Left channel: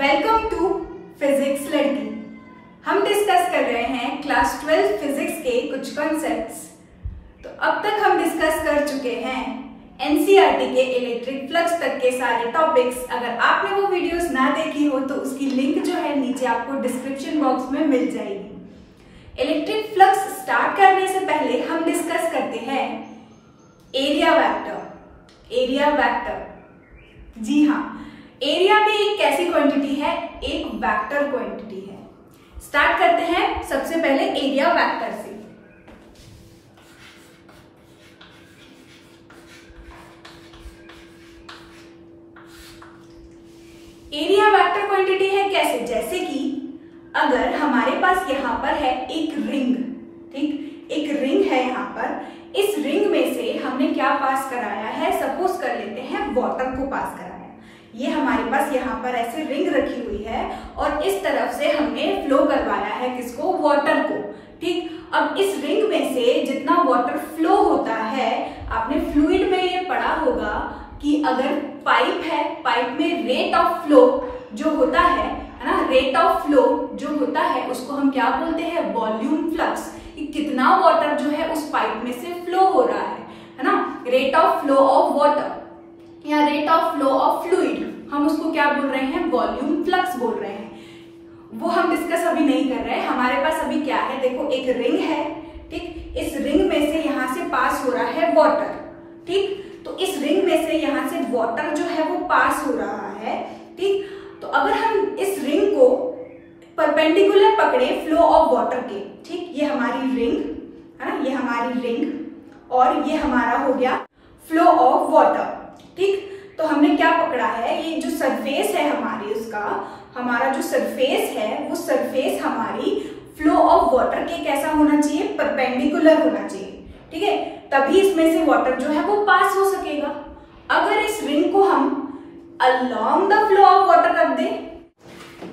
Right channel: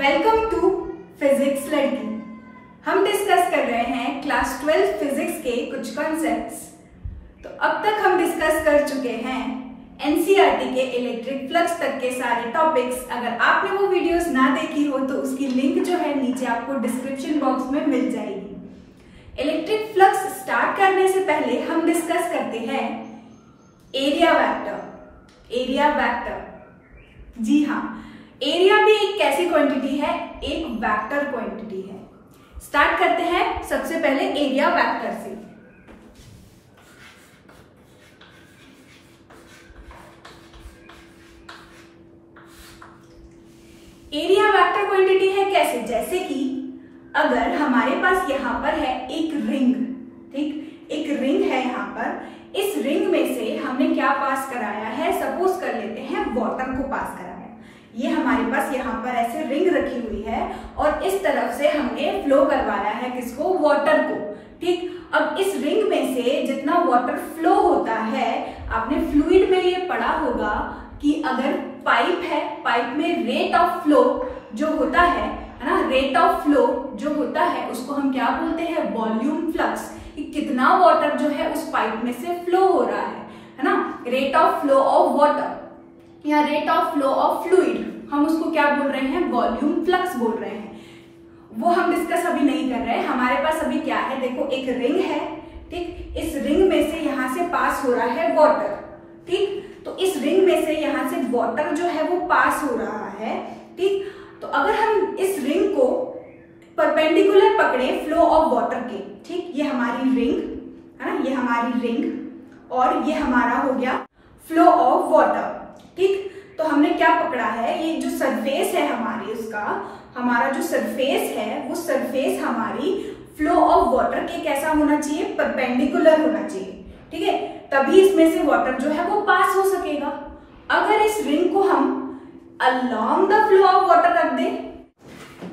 Welcome to physics लड़की। हम discuss कर रहे हैं क्लास 12 फिजिक्स के कुछ कॉन्सेप्ट्स। तो अब तक हम डिस्कस कर चुके हैं एनसीईआरटी के इलेक्ट्रिक फ्लक्स तक के सारे टॉपिक्स। अगर आपने वो वीडियोस ना देखी हो तो उसकी लिंक जो है नीचे आपको डिस्क्रिप्शन बॉक्स में मिल जाएगी। इलेक्ट्रिक फ्लक्स स्टार्ट करने से पहले हम डिस्कस करते हैं एरिया वेक्टर। एरिया वेक्टर, जी हाँ, एरिया भी एक कैसी क्वांटिटी है? एक वेक्टर क्वांटिटी है। स्टार्ट करते हैं सबसे पहले एरिया वेक्टर से। एरिया वेक्टर क्वांटिटी है कैसे? जैसे कि अगर हमारे पास यहां पर है एक रिंग, ठीक, एक रिंग है यहां पर। इस रिंग में से हमने क्या पास कराया है? सपोज कर लेते हैं वाटर को पास कराया। ये हमारे पास यहाँ पर ऐसे रिंग रखी हुई है और इस तरफ से हमने फ्लो करवाया है किसको? वाटर को, ठीक। अब इस रिंग में से जितना वाटर फ्लो होता है, आपने फ्लूइड में ये पढ़ा होगा कि अगर पाइप है, पाइप में रेट ऑफ फ्लो जो होता है ना, रेट ऑफ फ्लो जो होता है उसको हम क्या बोलते हैं? Volume flux. कितना वाटर जो है उस पाइप में से फ्लो हो रहा है ना, rate of flow of water या rate of flow of fluid, हम उसको क्या बोल रहे हैं? वॉल्यूम फ्लक्स बोल रहे हैं। वो हम डिस्कस अभी नहीं कर रहे हैं। हमारे पास अभी क्या है? देखो, एक रिंग है, ठीक। इस रिंग में से यहां से पास हो रहा है वाटर, ठीक। तो इस रिंग में से यहां से वाटर जो है वो पास हो रहा है, ठीक। तो अगर हम इस रिंग को परपेंडिकुलर पकड़े फ्लो ऑफ वाटर के, ठीक, ये हमारी रिंग है ना, ये हमारी रिंग और ये हमारा हो गया फ्लो ऑफ वाटर, ठीक। तो हमने क्या पकड़ा है? ये जो सरफेस है हमारी, उसका हमारा जो सरफेस है वो सरफेस हमारी फ्लो ऑफ वाटर के कैसा होना चाहिए? परपेंडिकुलर होना चाहिए, ठीक है। तभी इसमें से वाटर जो है वो पास हो सकेगा। अगर इस रिंग को हम along the flow of water रख दें,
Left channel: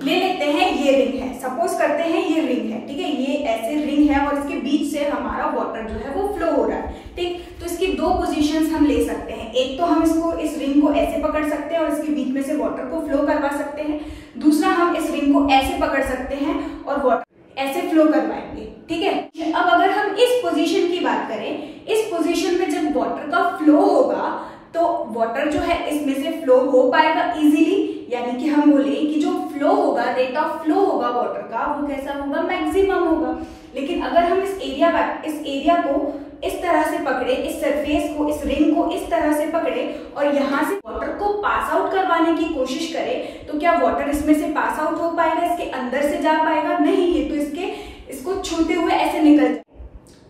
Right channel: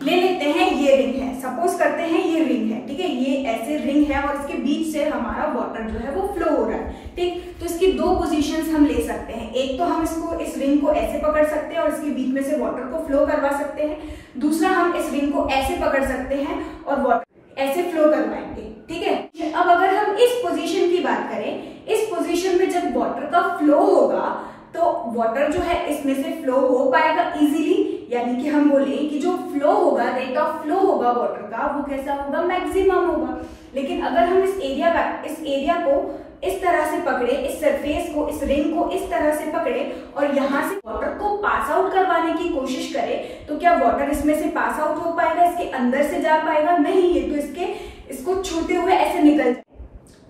ले लेते हैं ये रिंग है, सपोज करते हैं ये रिंग है, ठीक है, ये ऐसे रिंग है और इसके बीच से हमारा वाटर जो है वो फ्लो हो रहा है, ठीक। तो इसकी दो पोजीशंस हम ले सकते हैं। एक तो हम इसको, इस रिंग को ऐसे पकड़ सकते हैं और इसके बीच में से वाटर को फ्लो करवा सकते हैं। दूसरा, हम इस रिंग को ऐसे पकड़ सकते हैं और वाटर ऐसे फ्लो करवाएंगे, ठीक है। अब अगर हम इस पोजीशन की बात करें, इस पोजीशन में जब वाटर का फ्लो होगा तो वाटर जो है इसमें से फ्लो हो पाएगा इजीली, यानी कि हम बोले कि जो फ्लो होगा, रेट ऑफ फ्लो होगा वाटर का, वो कैसा होगा? मैक्सिमम होगा। लेकिन अगर हम इस एरिया को इस तरह से पकड़े, इस सरफेस को, इस रिंग को इस तरह से पकड़े और यहाँ से वाटर को पास आउट करवाने की कोशिश करें, तो क्या वाटर इसमें से पास आउट हो पाएगा? इसके अंदर से जा पाएगा? नहीं, ये तो इसको छूते हुए ऐसे निकल जाए।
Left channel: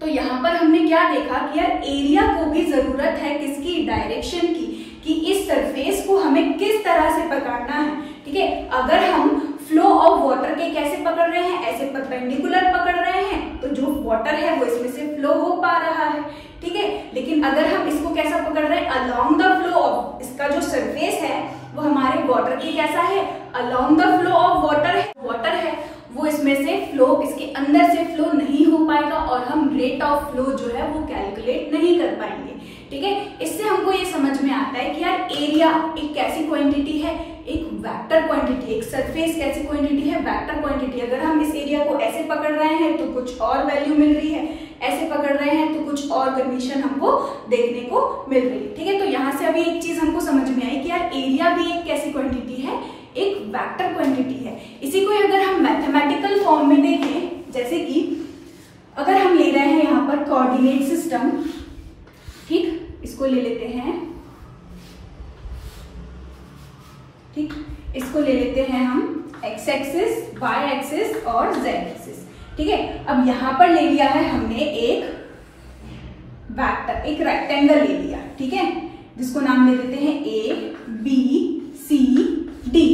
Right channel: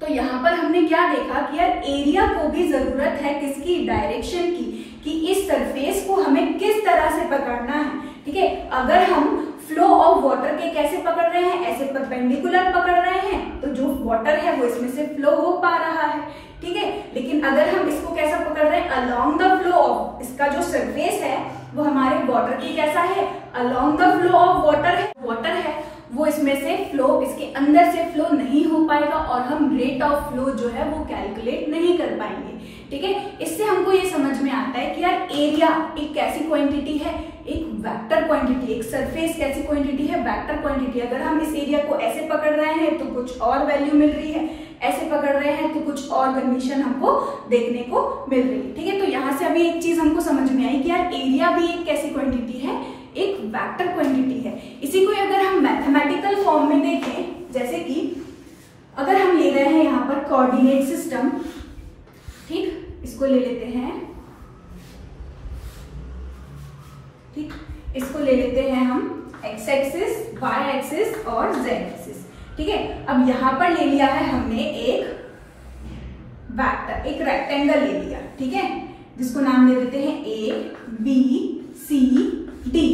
तो यहाँ पर हमने क्या देखा कि यार एरिया को भी जरूरत है किसकी? डायरेक्शन की, कि इस सरफेस को हमें किस तरह से पकड़ना है, ठीक है। अगर हम फ्लो ऑफ वाटर के कैसे पकड़ रहे हैं? ऐसे परपेंडिकुलर पकड़ रहे हैं, तो जो वाटर है वो इसमें से फ्लो हो पा रहा है, ठीक है। लेकिन अगर हम इसको कैसा पकड़ रहे हैं? अलोंग द फ्लो ऑफ, इसका जो सरफेस है वो हमारे वाटर के कैसा है? Along the flow of water है, वो इसमें से फ्लो, इसके अंदर से फ्लो नहीं हो पाएगा और हम रेट ऑफ फ्लो जो है वो कैलकुलेट नहीं कर पाएंगे, ठीक है। इससे हमको ये समझ में आता है कि यार एरिया एक कैसी क्वांटिटी है? एक वेक्टर क्वांटिटी। एक सरफेस कैसी क्वांटिटी है? Vector quantity. अगर हम इस एरिया को ऐसे पकड़ रहे हैं तो कुछ और वैल्यू मिल रही है, ऐसे पकड़ रहे हैं तो कुछ और कंडीशन हमको देखने को मिल रही है, ठीक है। तो यहाँ से अभी एक चीज हमको समझ में आई कि यार एरिया भी एक कैसी क्वांटिटी है? एक वेक्टर क्वांटिटी है। इसी को अगर हम मैथमेटिकल फॉर्म में देखें, जैसे कि अगर हम ले रहे हैं यहाँ पर कोऑर्डिनेट सिस्टम, ठीक, इसको ले लेते हैं, ठीक, इसको ले लेते हैं हम एक्स एक्सिस, वाई एक्सिस और जेड एक्सिस, ठीक है। अब यहाँ पर ले लिया है हमने एक वेक्टर, एक रेक्टेंगल ले लिया, ठीक है, जिसको नाम दे देते हैं ए बी सी डी,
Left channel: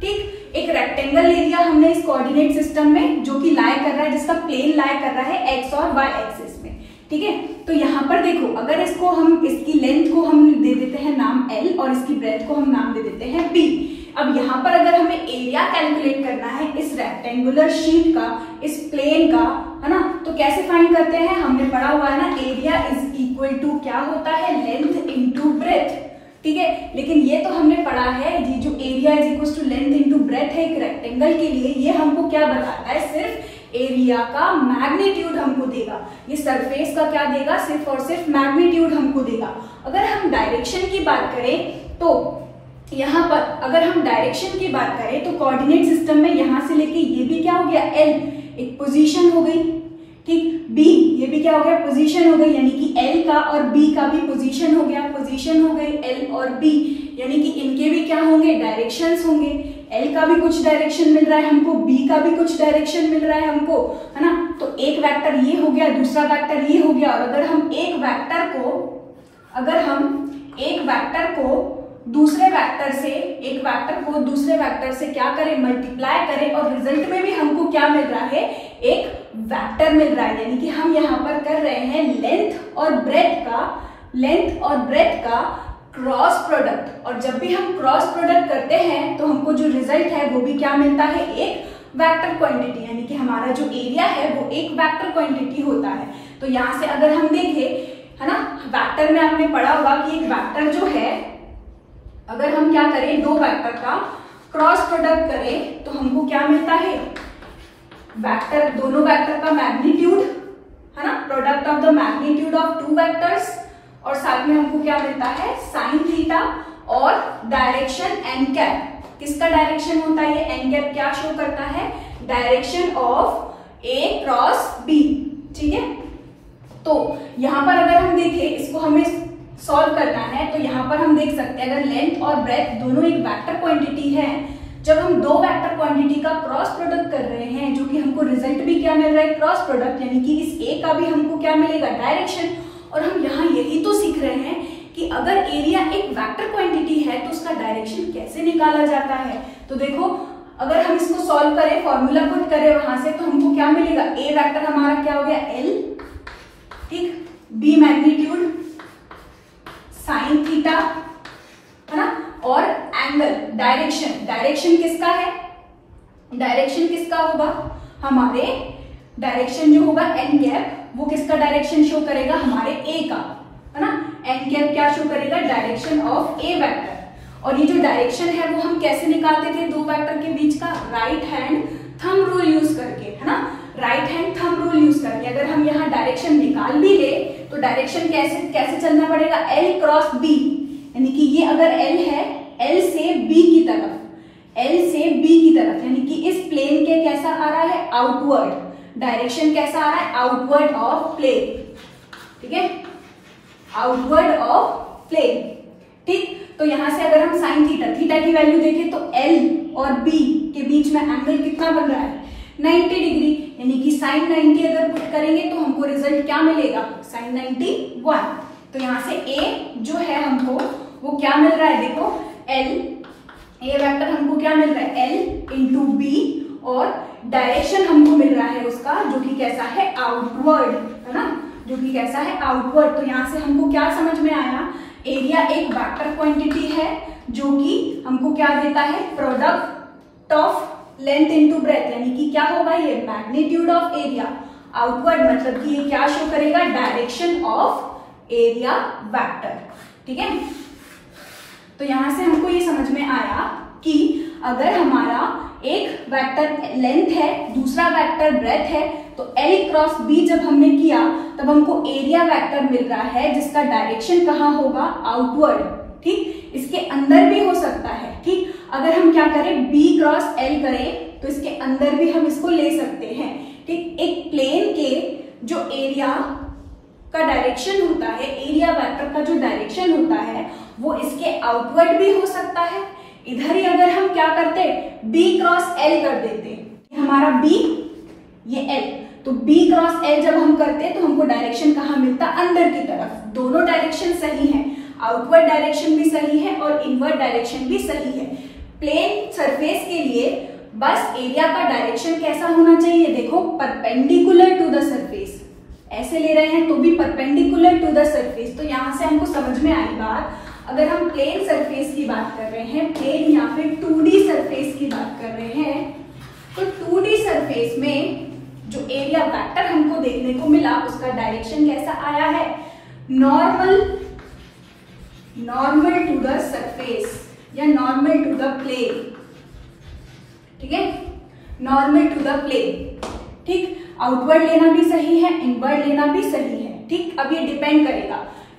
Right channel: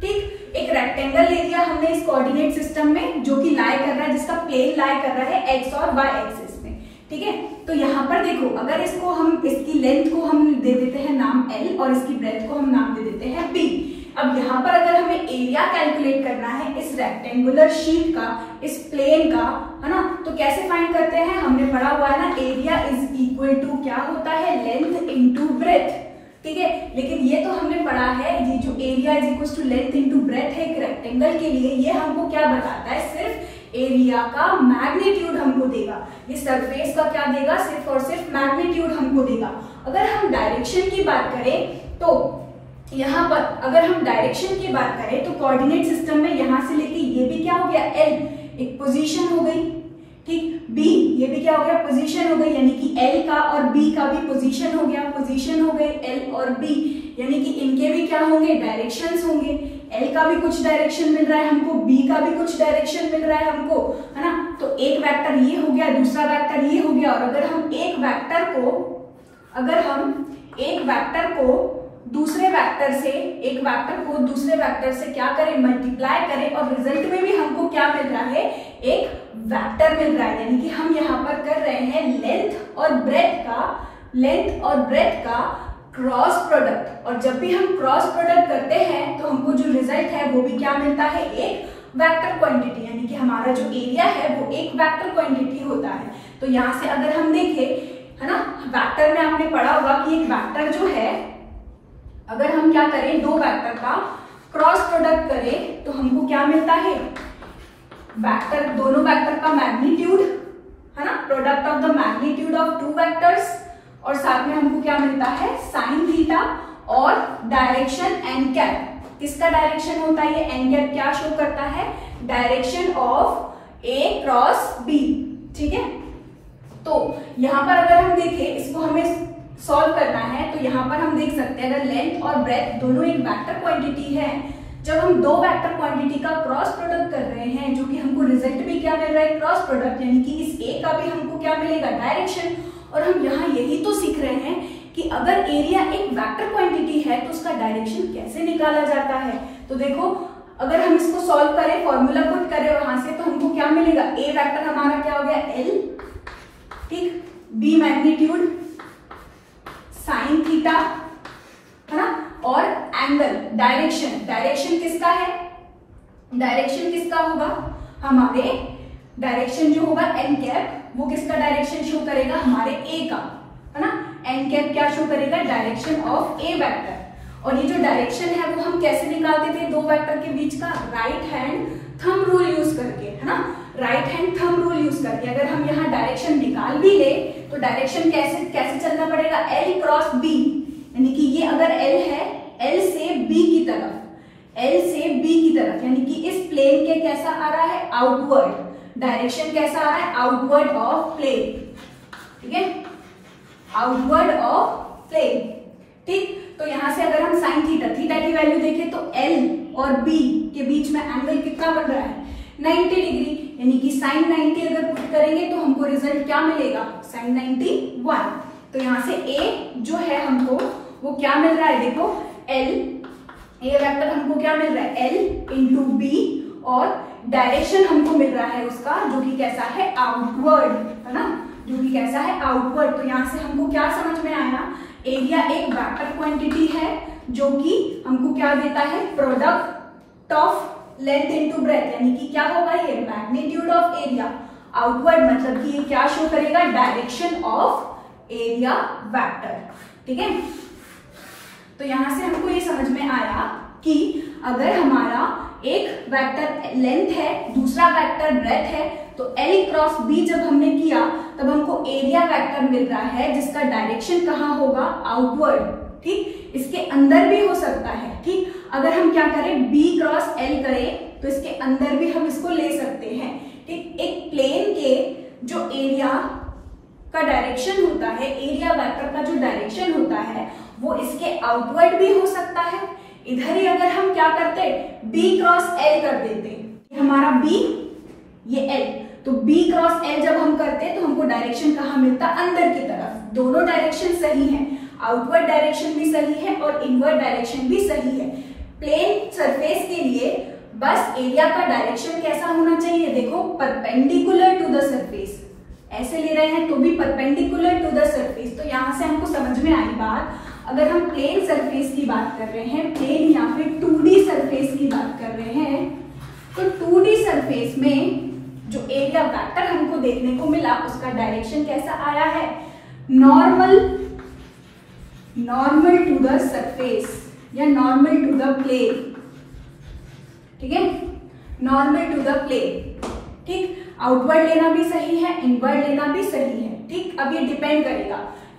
ठीक। एक रेक्टेंगल ले लिया हमने इस कोऑर्डिनेट सिस्टम में, जो कि लाई कर रहा है, जिसका प्लेन लाई कर रहा है एक्स और वाई एक्सिस में, ठीक है। तो यहाँ पर देखो, अगर इसको हम, इसकी लेंथ को हम दे देते हैं नाम एल और इसकी ब्रेथ को हम नाम दे देते हैं बी। अब यहाँ पर अगर हमें एरिया कैलकुलेट करना है इस रेक्टेंगुलर शीट का, इस प्लेन का, है ना, तो कैसे फाइंड करते हैं? हमने पढ़ा हुआ है ना, एरिया इज इक्वल टू क्या होता है? लेंथ इंटू ब्रेथ, ठीक है। लेकिन ये तो हमने पढ़ा है, ये जो area is equal to length into breadth है, रेक्टेंगल के लिए ये हमको क्या बताता है, सिर्फ एरिया का मैग्नीट्यूड हमको देगा। ये सरफेस का क्या देगा, सिर्फ और सिर्फ मैग्नीट्यूड हमको देगा। अगर हम डायरेक्शन की बात करें तो यहाँ पर अगर हम डायरेक्शन की बात करें तो कोऑर्डिनेट सिस्टम में यहाँ से लेके ये भी क्या हो गया, एल एक पोजीशन हो गई, ठीक, बी ये भी क्या हो गया, पोजीशन हो गई, यानी कि एल का और बी का भी पोजीशन हो गया, पोजीशन हो गई एल और बी, यानी कि इनके भी क्या होंगे, डायरेक्शंस होंगे। एल का भी कुछ डायरेक्शन मिल रहा है हमको, बी का भी कुछ डायरेक्शन मिल रहा है हमको, है ना। तो एक वेक्टर ये हो गया, दूसरा वेक्टर ये हो गया। और अगर हम एक वेक्टर को दूसरे वेक्टर से क्या करें, मल्टीप्लाई करें, और रिजल्ट में भी हमको क्या मिल रहा है, एक वेक्टर मिल रहा है। यानी कि हम यहाँ पर कर रहे हैं लेंथ और ब्रेथ का क्रॉस प्रोडक्ट। और जब भी हम क्रॉस प्रोडक्ट करते हैं तो हमको जो रिजल्ट है वो भी क्या मिलता है, एक वेक्टर क्वांटिटी, यानी कि हमारा जो एरिया है वो एक वेक्टर क्वांटिटी होता है। तो यहाँ से अगर हम देखें, है ना, वेक्टर में आपने पढ़ा होगा कि एक वेक्टर जो है, अगर हम क्या करें, दो वेक्टर का क्रॉस प्रोडक्ट करें तो हमको क्या मिलता है, वेक्टर, दोनों वेक्टर का मैग्नीट्यूड, है ना, product of the magnitude of two vectors, और साथ में हमको क्या मिलता है, साइन थीटा, और डायरेक्शन एन कैप। किसका डायरेक्शन होता है ये, एन कैप क्या शो करता है, direction of a cross b, ठीक है। तो यहाँ पर अगर हम देखें, इसको हमें सॉल्व करना है, तो यहाँ पर हम देख सकते हैं अगर लेंथ और ब्रेथ दोनों एक वेक्टर क्वांटिटी है, जब हम दो वेक्टर क्वांटिटी का क्रॉस प्रोडक्ट कर रहे हैं, जो कि हमको रिजल्ट भी क्या मिल रहा है, क्रॉस प्रोडक्ट, यानी कि इस ए का भी हमको क्या मिलेगा, डायरेक्शन। और हम यहाँ यही तो सीख रहे हैं कि अगर एरिया एक वेक्टर क्वांटिटी है तो उसका डायरेक्शन कैसे निकाला जाता है। तो देखो, अगर हम इसको सॉल्व करें, फॉर्मूला पुट करें वहां से, तो हमको क्या मिलेगा, ए वेक्टर हमारा क्या हो गया, एल, ठीक, बी मैग्नीट्यूड, साइन थीटा, है ना, और एंगल, डायरेक्शन किसका है, डायरेक्शन किसका होगा, हमारे डायरेक्शन जो होगा एन कैप, वो किसका डायरेक्शन शो करेगा, हमारे ए का, है ना। एन कैप क्या शो करेगा, डायरेक्शन ऑफ ए वेक्टर। और ये जो डायरेक्शन है वो हम कैसे निकालते थे दो वेक्टर के बीच का, right hand thumb rule use करके, है ना, right hand thumb rule use करके। अगर हम यहाँ डायरेक्शन निकाल भी ले तो डायरेक्शन कैसे चलना पड़ेगा, एल क्रॉस बी, यानी कि ये अगर एल है, एल से बी की तरफ, यानी कि इस प्लेन के कैसा आ रहा है, आउटवर्ड, डायरेक्शन कैसा आ रहा है, आउटवर्ड ऑफ प्लेन, ठीक है, आउटवर्ड ऑफ प्लेन, ठीक। तो यहां से अगर हम साइन थीटा की वैल्यू देखें तो एल और बी के बीच में एंगल कितना बन रहा है, 90 डिग्री, यानी कि साइन 90 अगर पुट करेंगे तो हमको रिजल्ट क्या मिलेगा, साइन 91। तो यहाँ से ए जो है हमको वो क्या मिल रहा है, देखो एल, ए वेक्टर हमको क्या मिल रहा है, एल इंटू बी, और डायरेक्शन हमको मिल रहा है उसका, जो कि कैसा है, आउटवर्ड, है ना, जो कि कैसा है, आउटवर्ड। तो यहाँ से हमको क्या समझ में आया, एरिया एक वेक्टर क्वांटिटी है जो कि हमको क्या देता है, product of length into breadth, यानी कि क्या होगा ये, मैग्नीट्यूड ऑफ एरिया, आउटवर्ड मतलब कि ये क्या शो करेगा, डायरेक्शन ऑफ एरिया वेक्टर, ठीक है। तो यहां से हमको ये समझ में आया कि अगर हमारा एक वेक्टर लेंथ है, दूसरा वेक्टर ब्रेथ है, तो L क्रॉस B जब हमने किया तब हमको एरिया वेक्टर मिल रहा है जिसका डायरेक्शन कहाँ होगा, आउटवर्ड, ठीक। इसके अंदर भी हो सकता है, ठीक। अगर हम क्या करें, B क्रॉस L करें तो इसके अंदर भी हम इसको ले सकते हैं, ठीक। एक प्लेन के जो एरिया का डायरेक्शन होता है, एरिया वेक्टर का जो डायरेक्शन होता है वो इसके आउटवर्ड भी हो सकता है। इधर ही अगर हम क्या करते, B क्रॉस L कर देते, हमारा B, ये L, तो B क्रॉस L जब हम करते तो हमको डायरेक्शन कहाँ मिलता, अंदर की तरफ। दोनों डायरेक्शन सही है, आउटवर्ड डायरेक्शन भी सही है और इनवर्ड डायरेक्शन भी सही है। प्लेन सरफेस के लिए बस एरिया का डायरेक्शन कैसा होना चाहिए, देखो परपेंडिकुलर टू द सरफेस, ऐसे ले रहे हैं तो भी परपेंडिकुलर टू द सरफेस। तो यहाँ से हमको समझ में आई बात, अगर हम प्लेन सरफेस की बात कर रहे हैं, प्लेन या फिर 2D सरफेस की बात कर रहे हैं, तो 2D सरफेस में जो एरिया वेक्टर हमको देखने को मिला उसका डायरेक्शन कैसा आया है, नॉर्मल टू द सरफेस या नॉर्मल टू द प्लेन, ठीक है, नॉर्मल टू द प्लेन। ठीक, आउटवर्ड लेना भी सही है, इनवर्ड लेना भी सही है। ठीक, अब ये डिपेंड करेगा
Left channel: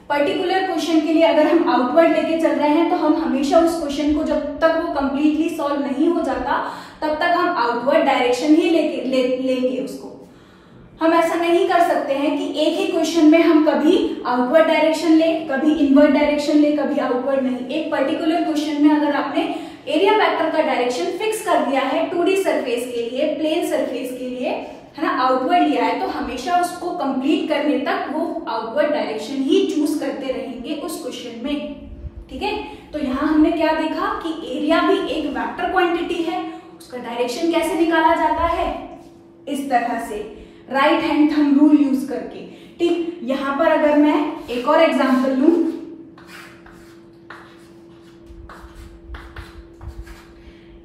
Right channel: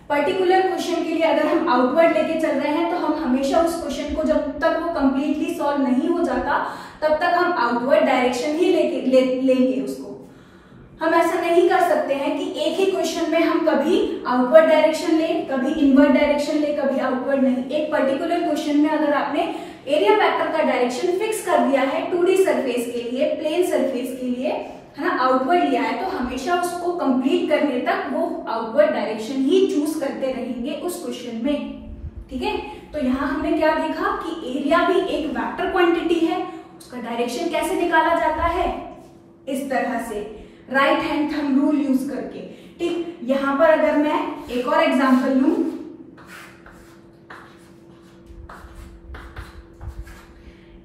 पर्टिकुलर क्वेश्चन के लिए। अगर हम आउटवर्ड लेके चल रहे हैं तो हम हमेशा उस क्वेश्चन को जब तक वो कंप्लीटली सॉल्व नहीं हो जाता तब तक हम आउटवर्ड डायरेक्शन ही लेंगे उसको। हम ऐसा नहीं कर सकते हैं कि एक ही क्वेश्चन में हम कभी आउटवर्ड डायरेक्शन ले, कभी इनवर्ड डायरेक्शन ले, कभी आउटवर्ड नहीं। एक पर्टिकुलर क्वेश्चन में अगर आपने एरिया वेक्टर का डायरेक्शन फिक्स कर दिया है 2D सरफेस के लिए, प्लेन सरफेस के लिए, है ना, आउटवर्ड लिया है, तो हमेशा उसको कंप्लीट करने तक वो आउटवर्ड डायरेक्शन ही चूज करते रहेंगे उस क्वेश्चन में। ठीक है, तो यहाँ हमने क्या देखा कि एरिया भी एक वेक्टर क्वांटिटी है, उसका डायरेक्शन कैसे निकाला जाता है, इस तरह से right hand thumb rule use करके। ठीक, यहां पर अगर मैं एक और एग्जांपल लूं,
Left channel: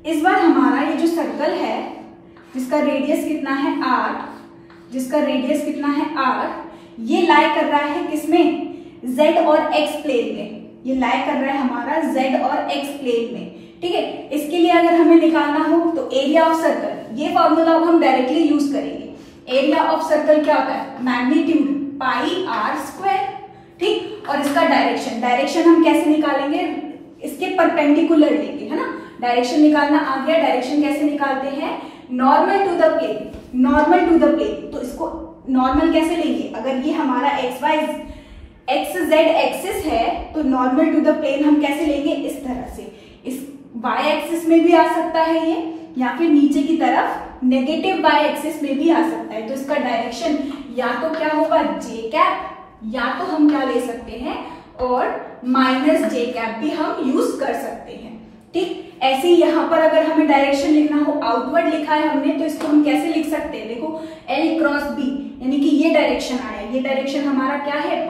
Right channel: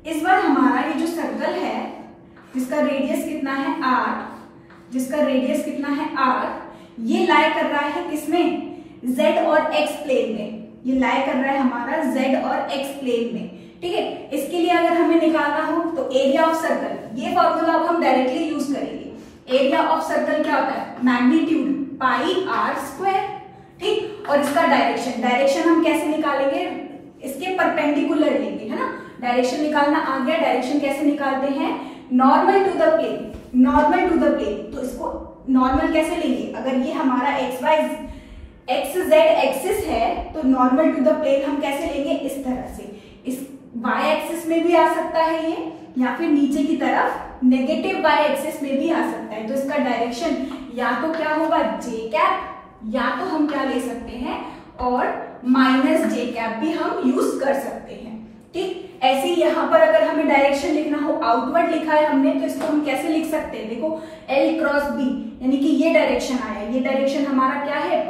इस बार हमारा ये जो सर्कल है जिसका रेडियस कितना है r, जिसका रेडियस कितना है r, ये लाई कर रहा है किसमें, z और x प्लेन में। ये लाई कर रहा है हमारा z और x प्लेन में। ठीक है, इसके लिए अगर हमें निकालना हो तो एरिया ऑफ सर्कल, ये फॉर्मूला अब हम डायरेक्टली यूज करेंगे। एरिया ऑफ सर्कल क्या होता है, मैग्नीट्यूड पाई r स्क्वायर। ठीक, और इसका डायरेक्शन हम कैसे निकालेंगे, इसके परपेंडिकुलर लेंगे, है ना। डायरेक्शन निकालना आ गया, डायरेक्शन कैसे निकालते हैं, normal to the plane, normal to the plane. तो इसको नॉर्मल कैसे लेंगे, अगर ये हमारा एक्स जेड एक्सिस है तो नॉर्मल टू द प्लेन हम कैसे लेंगे, इस तरह से। इस वाई एक्सिस में भी आ सकता है ये, या फिर नीचे की तरफ नेगेटिव वाई एक्सिस में भी आ सकता है। तो इसका डायरेक्शन या तो क्या होगा जे कैप, या तो हम क्या ले सकते हैं और माइनस जे कैप भी हम यूज कर सकते हैं। ठीक, ऐसे ही यहाँ पर अगर हमें डायरेक्शन लिखना हो, आउटवर्ड लिखा है हमने, तो इसको हम कैसे लिख सकते हैं, देखो L क्रॉस B, यानी कि ये डायरेक्शन आया, ये डायरेक्शन हमारा क्या है,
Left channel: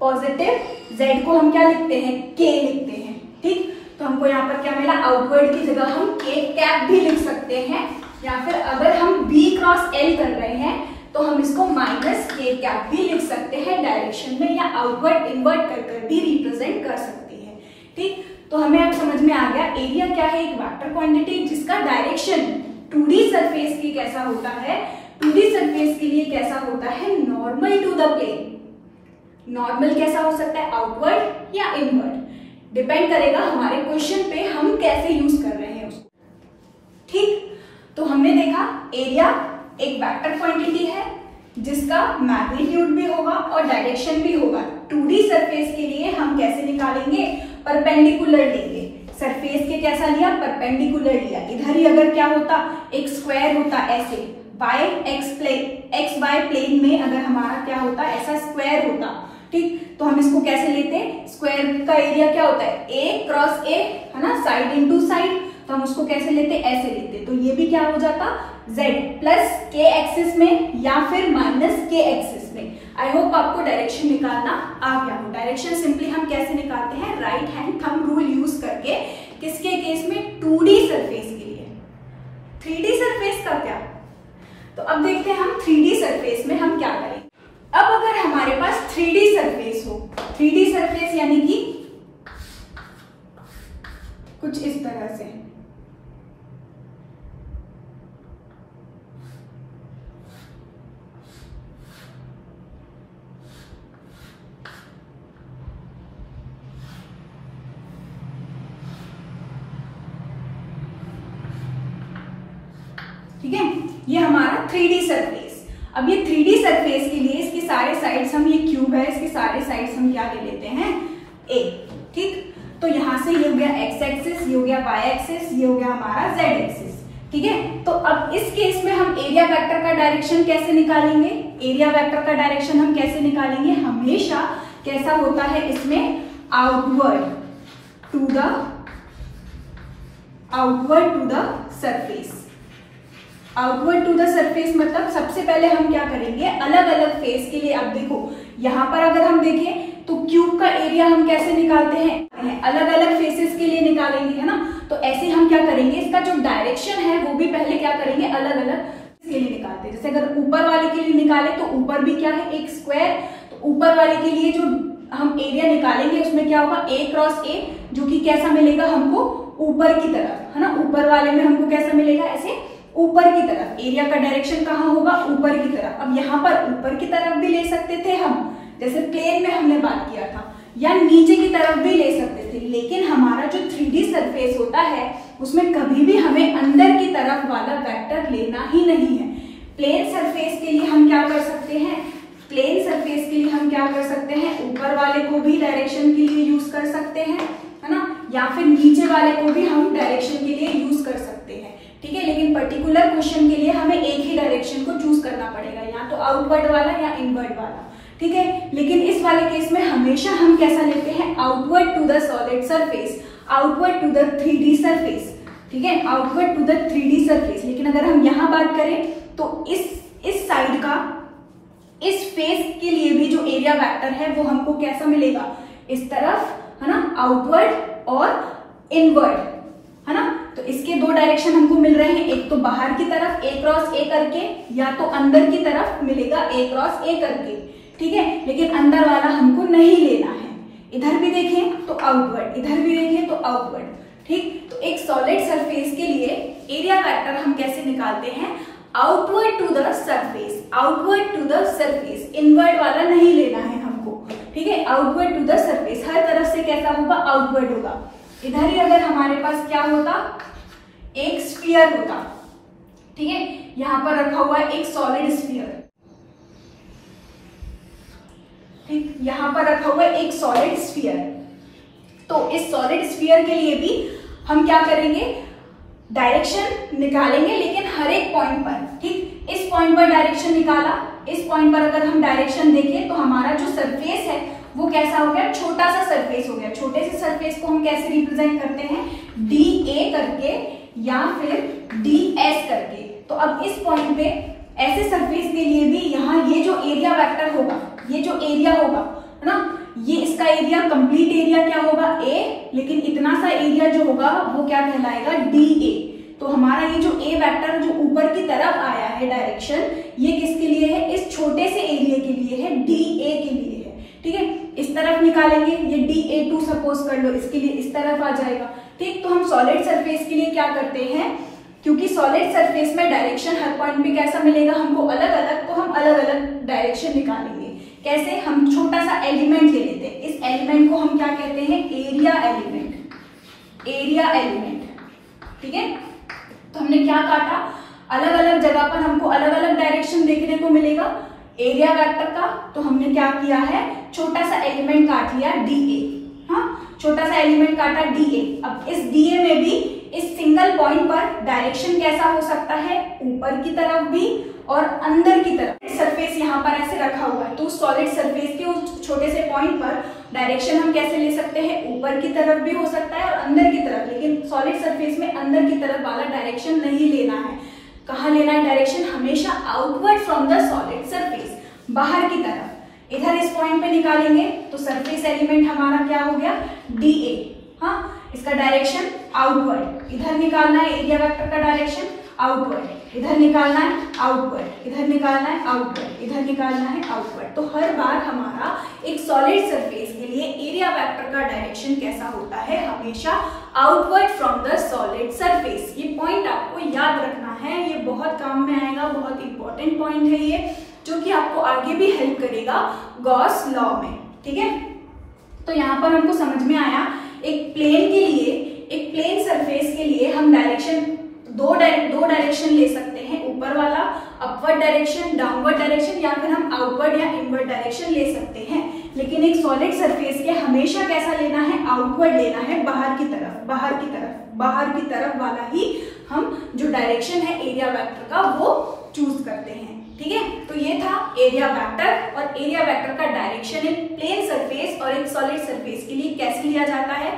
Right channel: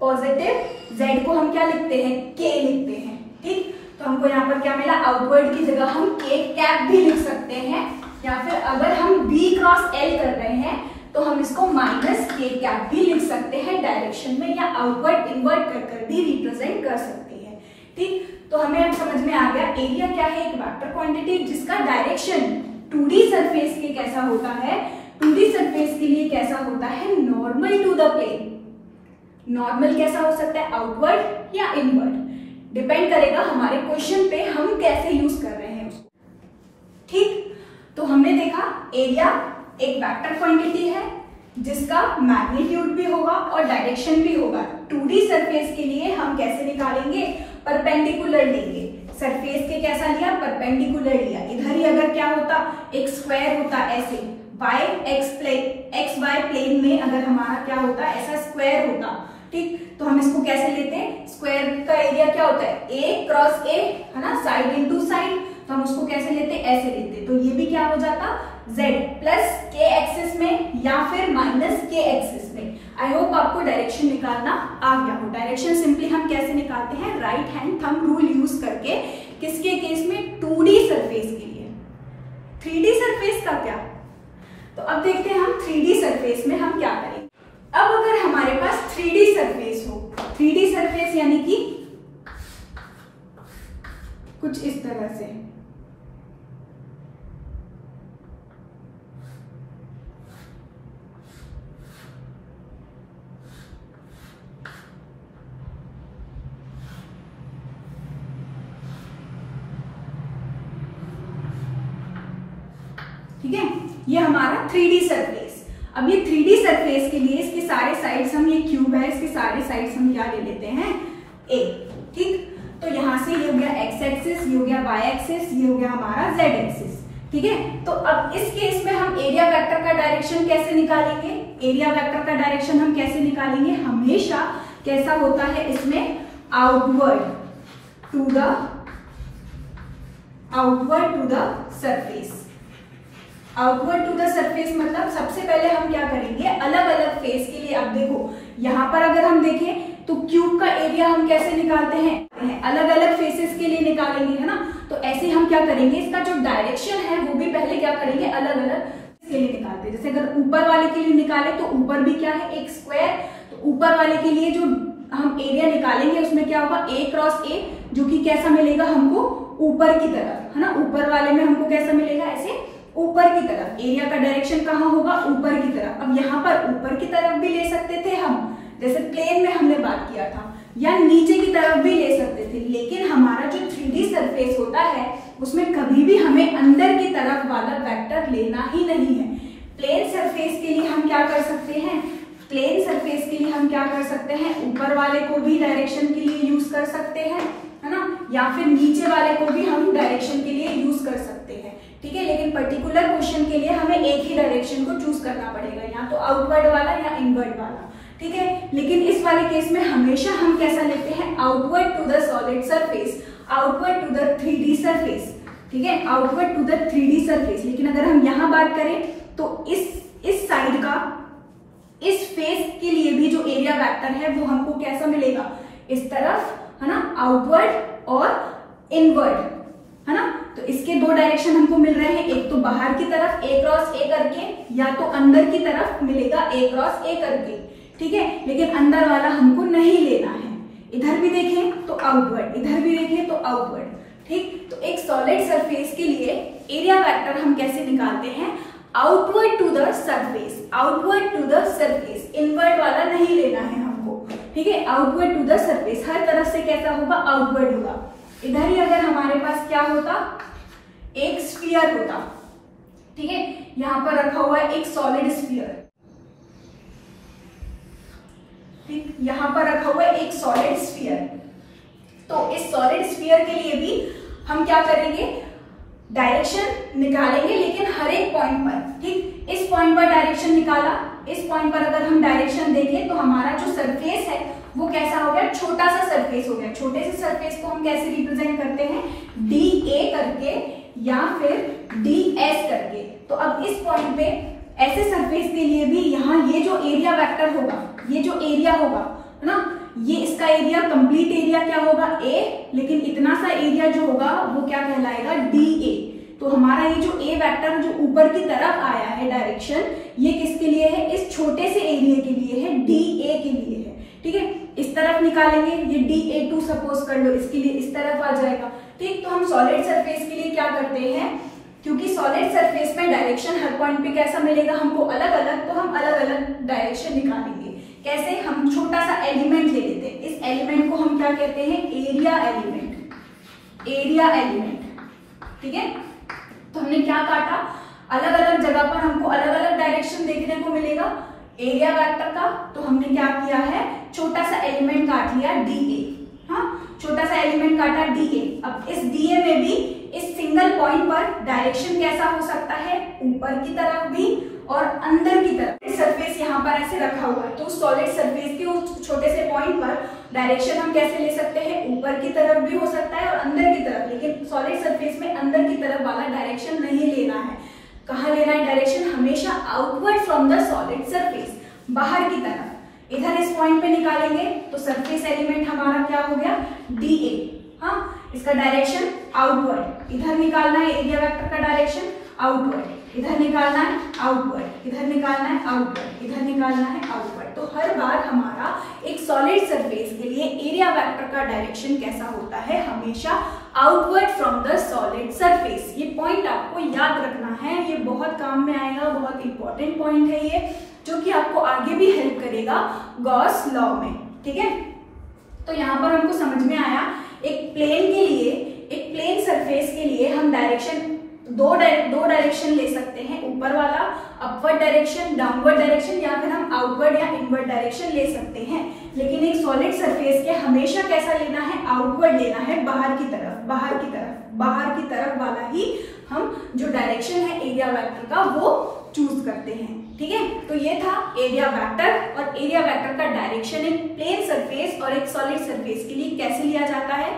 पॉजिटिव, Z को हम क्या लिखते हैं, K लिखते हैं। ठीक, तो हमको यहाँ पर क्या मिला, आउटवर्ड की जगह हम K कैप भी लिख सकते हैं, या फिर अगर हम B क्रॉस L कर रहे हैं तो हम इसको माइनस K कैप भी लिख सकते हैं डायरेक्शन में, या आउटवर्ड इनवर्ट कर भी रिप्रेजेंट कर सकते हैं। ठीक, तो हमें अब समझ में आ गया एरिया क्या है, एक वेक्टर क्वांटिटी जिसका डायरेक्शन 2D सरफेस के कैसा होता है, 2D सरफेस के लिए कैसा होता है, normal to the plane. Normal कैसा हो सकता है, आउटवर्ड या इनवर्ड, डिपेंड करेगा हमारे क्वेश्चन पे हम कैसे यूज कर रहे हैं उसको। ठीक, तो हमने देखा एरिया एक वेक्टर क्वांटिटी है जिसका मैग्नीट्यूड भी होगा और डायरेक्शन भी होगा। 2D सरफेस के लिए हम कैसे निकालेंगे, परपेंडिकुलर लेंगे। सरफेस के कैसा लिया, परपेंडिकुलर लिया। इधर ही अगर क्या होता, एक स्क्वायर होता ऐसे, एक्स वाई प्लेन में अगर हमारा क्या होता, ऐसा स्क्वायर होता। ठीक, तो हम इसको कैसे लेते हैं, स्क्वायर का एरिया क्या होता है, ए क्रॉस ए, है ना, साइड इनटू साइड, तो हम उसको कैसे लेते, ऐसे लेते। तो ये भी क्या हो जाता, z प्लस के एक्सिस में या फिर माइनस के एक्सिस में। आई होप आपको डायरेक्शन निकालना आ गया हो। डायरेक्शन सिंपली हम कैसे निकालते हैं, right hand thumb rule use करके। किसके केस में, 2D सरफेस के लिए। 3D सरफेस का क्या, तो अब देखते हैं हम 3D सरफेस में हम क्या करें। अब अगर हमारे पास 3D सरफेस हो, 3D सरफेस यानी कि कुछ इस तरह से, ठीक है, ये हमारा 3D सरफेस। अब ये 3D सरफेस के लिए इसके सारे साइड्स हम, ये क्यूब है, इसके सारे साइड्स हम क्या ले लेते हैं, a। ठीक, तो यहां से ये हो गया x एक्सिस, ये हो गया y एक्सिस, ये हो गया हमारा z एक्सिस। ठीक है, तो अब इस केस में हम एरिया वेक्टर का डायरेक्शन कैसे निकालेंगे, एरिया वेक्टर का डायरेक्शन हम कैसे निकालेंगे, हमेशा कैसा होता है इसमें, outward to the surface. Outward to the surface मतलब सबसे पहले हम क्या करेंगे, अलग अलग फेस के लिए। अब देखो यहाँ पर अगर हम देखें तो क्यूब का एरिया हम कैसे निकालते हैं, अलग अलग फेसेस के लिए निकालेंगे, है ना। तो ऐसे हम क्या करेंगे, इसका जो डायरेक्शन है वो भी पहले क्या करेंगे, अलग अलग के लिए निकालते हैं। जैसे अगर ऊपर वाले के लिए निकाले तो ऊपर भी क्या है, एक स्क्वायर, तो ऊपर वाले के लिए जो हम एरिया निकालेंगे उसमें क्या होगा, A क्रॉस A, जो कि कैसा मिलेगा हमको, ऊपर की तरफ, है ना। ऊपर वाले में हमको कैसा मिलेगा, ऐसे ऊपर की तरफ। एरिया का डायरेक्शन कहाँ होगा, ऊपर की तरफ। अब यहाँ पर ऊपर की तरफ भी ले सकते थे हम, जैसे प्लेन में हमने बात किया था, या नीचे की तरफ भी ले सकते थे, लेकिन हमारा जो 3D सरफेस होता है उसमें कभी भी हमें अंदर की तरफ वाला वेक्टर लेना ही नहीं है। प्लेन सरफेस के लिए हम क्या कर सकते हैं, प्लेन सरफेस के लिए हम क्या कर सकते हैं, ऊपर वाले को भी डायरेक्शन के लिए यूज कर सकते हैं, है ना, या फिर नीचे वाले को भी हम डायरेक्शन के लिए यूज कर सकते हैं, ठीक है। लेकिन पर्टिकुलर क्वेश्चन के लिए हमें एक ही डायरेक्शन को चूज करना पड़ेगा, या तो आउटवर्ड वाला या इनवर्ड वाला, ठीक है। लेकिन इस वाले केस में हमेशा हम कैसा लेते हैं, outward to the solid surface, outward to the 3D surface, ठीक है, outward to the 3D surface. लेकिन अगर हम यहाँ बात करें तो इस साइड का, इस फेस के लिए भी जो एरिया वेक्टर है वो हमको कैसा मिलेगा, इस तरफ, है ना, आउटवर्ड और इनवर्ड, है ना। तो इसके दो डायरेक्शन हमको मिल रहे हैं, एक तो बाहर की तरफ A क्रॉस A करके, या तो अंदर की तरफ मिलेगा A क्रॉस A करके, ठीक है। लेकिन अंदर वाला हमको नहीं लेना है। इधर भी देखें तो आउटवर्ड, इधर भी देखें तो आउटवर्ड, ठीक। तो एक सॉलिड सरफेस के लिए एरिया वेक्टर हम कैसे निकालते हैं, outward to the surface, outward to the surface, inward वाला नहीं लेना है हमको, ठीक है। आउटवर्ड टू द सरफेस, हर तरफ से कैसा होगा, आउटवर्ड होगा। इधर ही अगर हमारे पास क्या होता, एक स्फीयर होता, ठीक है, यहां पर रखा हुआ है एक सॉलिड स्फीयर, ठीक, यहां पर रखा हुआ है एक सॉलिड स्फीयर। तो इस सॉलिड स्फीयर के लिए भी हम क्या करेंगे, डायरेक्शन निकालेंगे, लेकिन हर एक पॉइंट पर, ठीक। इस पॉइंट पर डायरेक्शन निकाला, इस पॉइंट पर अगर हम डायरेक्शन देखें तो हमारा जो सरफेस है वो कैसा हो गया, छोटा सा सरफेस हो गया। छोटे से सरफेस को हम कैसे रिप्रेजेंट करते हैं, DA करके या फिर DS करके। तो अब इस पॉइंट पे ऐसे सरफेस के लिए भी यहाँ ये जो एरिया वेक्टर होगा, ये जो एरिया होगा, है ना, ये इसका एरिया, कंप्लीट एरिया क्या होगा, A, लेकिन इतना सा एरिया जो होगा वो क्या कहलाएगा, DA। तो हमारा ये जो A वेक्टर जो ऊपर की तरफ आया है डायरेक्शन, ये किसके लिए है, इस छोटे से एरिया के लिए है, DA के लिए है, ठीक है। इस तरफ निकालेंगे, ये DA2 सपोज कर लो, इसके लिए इस तरफ आ जाएगा, ठीक। तो हम सॉलिड सरफेस के लिए क्या करते हैं, क्योंकि सॉलिड सरफेस में डायरेक्शन हर पॉइंट पे कैसा मिलेगा हमको, अलग अलग, तो हम अलग अलग डायरेक्शन निकालेंगे। कैसे, हम छोटा सा एलिमेंट ले लेते हैं, इस एलिमेंट को हम क्या कहते हैं, एरिया एलिमेंट, एरिया एलिमेंट, ठीक है। तो हमने क्या काटा, अलग अलग जगह पर हमको अलग अलग डायरेक्शन देखने को मिलेगा एरिया वेक्टर का। तो हमने क्या किया है, छोटा सा एलिमेंट काट लिया DA, हाँ, छोटा सा एलिमेंट काटा DA। अब इस DA में भी इस सिंगल पॉइंट पर डायरेक्शन कैसा हो सकता है, ऊपर की तरफ भी और अंदर की तरफ। सरफेस यहाँ पर ऐसे रखा हुआ है, तो सॉलिड सरफेस के उस छोटे से पॉइंट पर डायरेक्शन हम कैसे ले सकते हैं, ऊपर की तरफ भी हो सकता है और अंदर की तरफ। लेकिन सॉलिड सरफेस में अंदर की तरफ वाला डायरेक्शन नहीं लेना है। कहाँ लेना है डायरेक्शन, हमेशा outward from the solid surface, बाहर की तरफ। इधर इस पॉइंट पे निकालेंगे तो सरफेस एलिमेंट हमारा क्या हो गया, DA, हाँ, इसका डायरेक्शन आउटवर्ड। इधर निकालना है एरिया वेक्टर का डायरेक्शन आउटवर्ड, इधर निकालना है आउटवर्ड, इधर निकालना है आउटवर्ड, इधर निकालना है आउटवर्ड। तो हर बार हमारा एक सॉलिड सरफेस के लिए एरिया वेक्टर का डायरेक्शन कैसा होता है, हमेशा outward from the solid surface. ये पॉइंट आपको याद रखना है, ये बहुत काम में आएगा, बहुत इंपॉर्टेंट पॉइंट है ये, जो कि आपको आगे भी हेल्प करेगा गॉस लॉ में, ठीक है। तो यहाँ पर हमको समझ में आया, एक प्लेन के लिए, एक प्लेन सरफेस के लिए हम डायरेक्शन दो डायरेक्शन ले सकते हैं, ऊपर वाला अपवर्ड डायरेक्शन, डाउनवर्ड डायरेक्शन, या फिर हम आउटवर्ड या इनवर्ड डायरेक्शन ले सकते हैं। लेकिन एक सॉलिड सरफेस के हमेशा कैसा लेना है, आउटवर्ड लेना है, बाहर की तरफ, बाहर की तरफ, बाहर की तरफ वाला ही हम जो डायरेक्शन है एरिया वेक्टर का वो चूज करते हैं, ठीक है। तो ये था एरिया वेक्टर, और एरिया वेक्टर का डायरेक्शन एक प्लेन सरफेस और एक सॉलिड सरफेस के लिए कैसे लिया जाता है।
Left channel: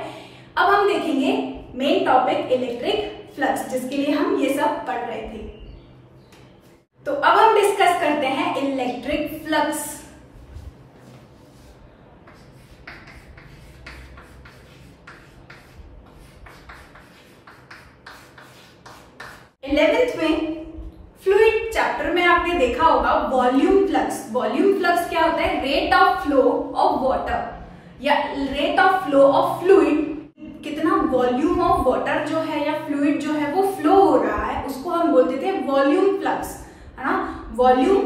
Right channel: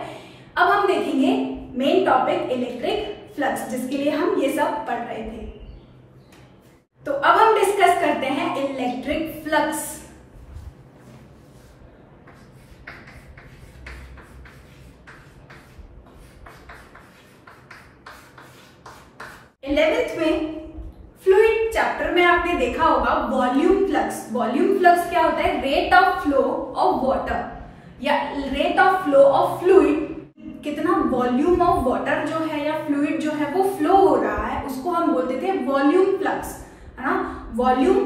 अब हम देखेंगे मेन टॉपिक इलेक्ट्रिक फ्लक्स, जिसके लिए हम ये सब पढ़ रहे थे। तो अब हम डिस्कस करते हैं इलेक्ट्रिक फ्लक्स। इलेवेंथ में फ्लूइड चैप्टर में आपने देखा होगा वॉल्यूम फ्लक्स। वॉल्यूम फ्लक्स क्या होता है? Rate of flow of water या rate of flow of fluid, कितना वॉल्यूम ऑफ वाटर जो है या फ्लूइड जो है वो फ्लो हो रहा है, उसको हम बोलते थे वॉल्यूम फ्लक्स, है ना। Volume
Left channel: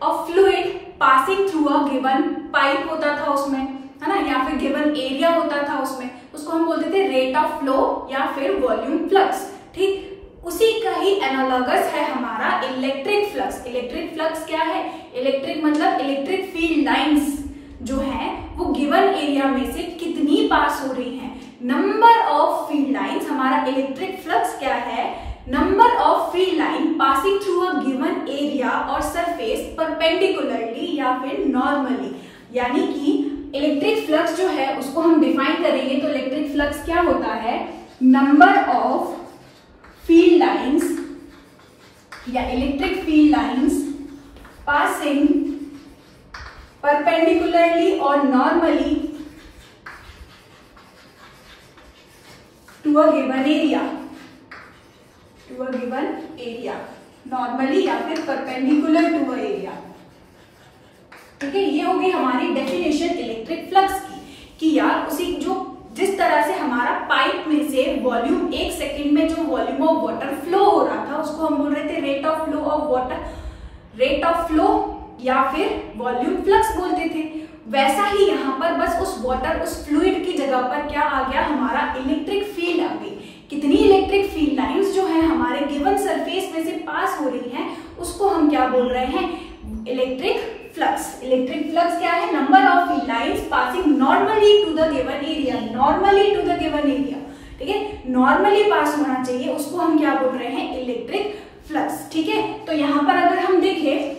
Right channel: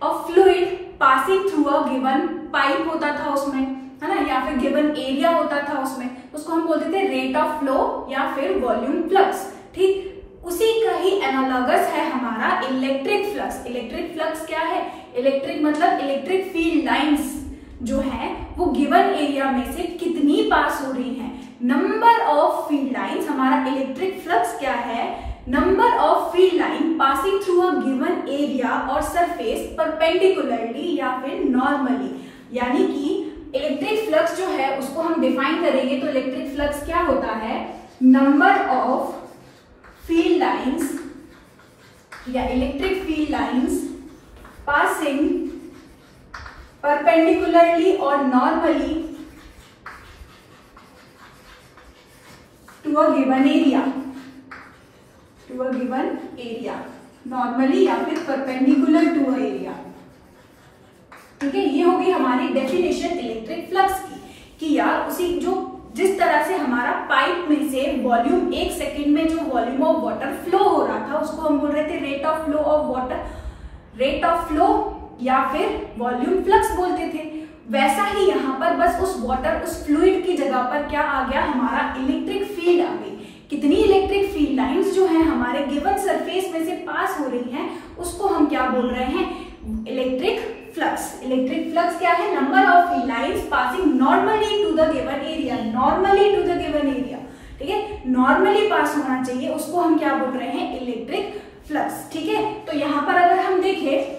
of fluid passing through a given pipe होता था उसमें, है ना, या फिर गिवन एरिया होता था उसमें, उसको हम बोलते थे रेट ऑफ फ्लो या फिर वॉल्यूम फ्लक्स। ठीक उसी का ही एनालॉगस है हमारा इलेक्ट्रिक फ्लक्स। इलेक्ट्रिक फ्लक्स क्या है? इलेक्ट्रिक मतलब इलेक्ट्रिक फील्ड लाइंस जो है वो गिवन एरिया में से कितनी पास हो रही हैं, नंबर ऑफ फील्ड लाइंस। हमारा इलेक्ट्रिक फ्लक्स क्या है? Number of field line passing through a given area और सरफेस परपेंडिकुलरली या फिर नॉर्मली। यानी कि इलेक्ट्रिक फ्लक्स जो है उसको हम डिफाइन करेंगे तो इलेक्ट्रिक फ्लक्स क्या होता है? नंबर ऑफ फील्ड लाइंस या electric field lines passing perpendicularly और normally to a given area, to a given area, normally या फिर परपेंडिकुलर टू अ एरिया। ठीक है, ये हो गई हमारी डेफिनेशन इलेक्ट्रिक फ्लक्स की कि यार उसी जो जिस तरह से हमारा पाइप में से वॉल्यूम 1 सेकेंड में जो वॉल्यूम ऑफ वाटर फ्लो हो रहा था उसको हम बोल रहे थे rate of flow of water, rate of flow या फिर वॉल्यूम फ्लक्स बोलते थे। वैसा ही यहाँ पर बस उस वाटर उस फ्लूइड की जगह पर क्या आ गया? हमारा इलेक्ट्रिक फील्ड आ गई। कितनी इलेक्ट्रिक फील्ड लाइंस जो है हमारे गिवन सरफेस में से पास हो रही हैं उसको हम क्या बोल रहे हैं? Electric flux. इलेक्ट्रिक फ्लक्स क्या है? Number of field lines passing normally to the given area, normally to the given area. ठीक है, नॉर्मली पास होना चाहिए, उसको हम क्या बोल रहे हैं? Electric flux. ठीक है, तो यहाँ पर अगर हम देखें,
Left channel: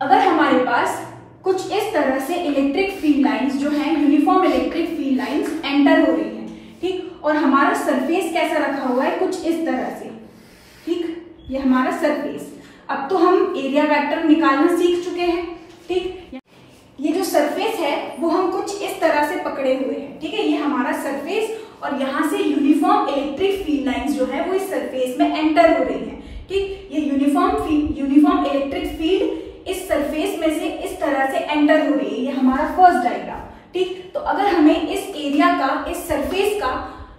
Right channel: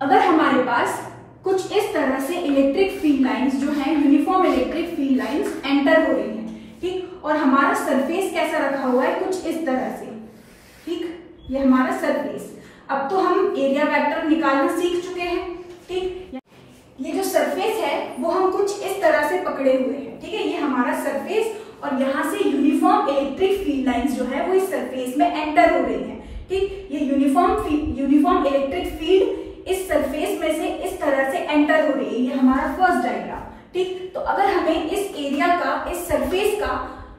अगर हमारे पास कुछ इस तरह से इलेक्ट्रिक फील्ड लाइंस जो है uniform electric field lines enter हो रही है, ठीक, और हमारा सरफेस कैसा रखा हुआ है? कुछ इस तरह से। ठीक, ये हमारा सरफेस। अब तो हम एरिया वेक्टर निकालना सीख चुके हैं। ठीक, ये जो सरफेस है वो हम कुछ इस तरह से पकड़े हुए हैं। ठीक है, ये हमारा सरफेस और यहाँ से यूनिफॉर्म इलेक्ट्रिक फील्ड लाइंस जो है वो इस सरफेस में एंटर हो रही है। ठीक, ये यूनिफॉर्म इलेक्ट्रिक फील्ड इस सरफेस में से इस तरह से एंटर हो रही है। ये हमारा फर्स्ट डायग्राम। ठीक, तो अगर हमें इस एरिया का, इस सरफेस का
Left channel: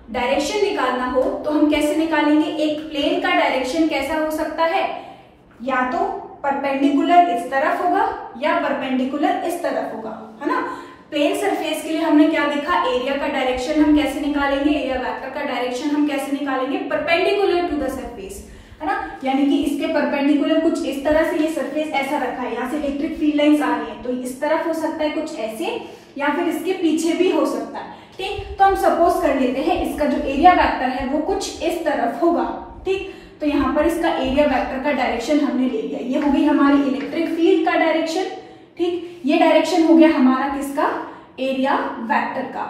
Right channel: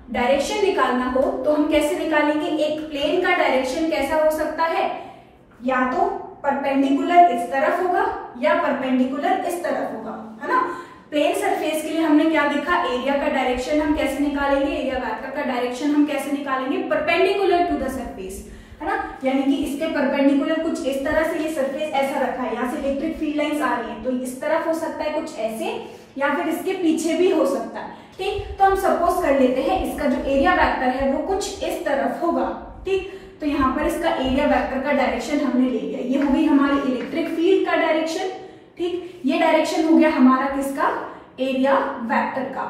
डायरेक्शन निकालना हो तो हम कैसे निकालेंगे? एक प्लेन का डायरेक्शन कैसा हो सकता है? या तो परपेंडिकुलर इस तरफ होगा या परपेंडिकुलर इस तरफ होगा, है ना। प्लेन सरफेस के लिए हमने क्या देखा? एरिया का डायरेक्शन हम कैसे निकालेंगे? एरिया वेक्टर का डायरेक्शन हम कैसे निकालेंगे? परपेंडिकुलर टू द सरफेस, है ना। यानी कि इसके परपेंडिकुलर कुछ इस तरह से ये सरफेस ऐसा रखा है, यहाँ से इलेक्ट्रिक फील्ड लाइंस आ रही है तो इस तरफ हो सकता है कुछ ऐसे, या फिर इसके पीछे भी हो सकता है। ठीक, तो हम सपोज कर लेते हैं इसका जो एरिया वेक्टर है वो कुछ इस तरफ होगा। ठीक, तो यहाँ पर इसका एरिया वेक्टर का डायरेक्शन हमने ले लिया। ये हो गई हमारी इलेक्ट्रिक फील्ड का डायरेक्शन। ठीक, ये डायरेक्शन हो गया हमारा किसका? एरिया वेक्टर का,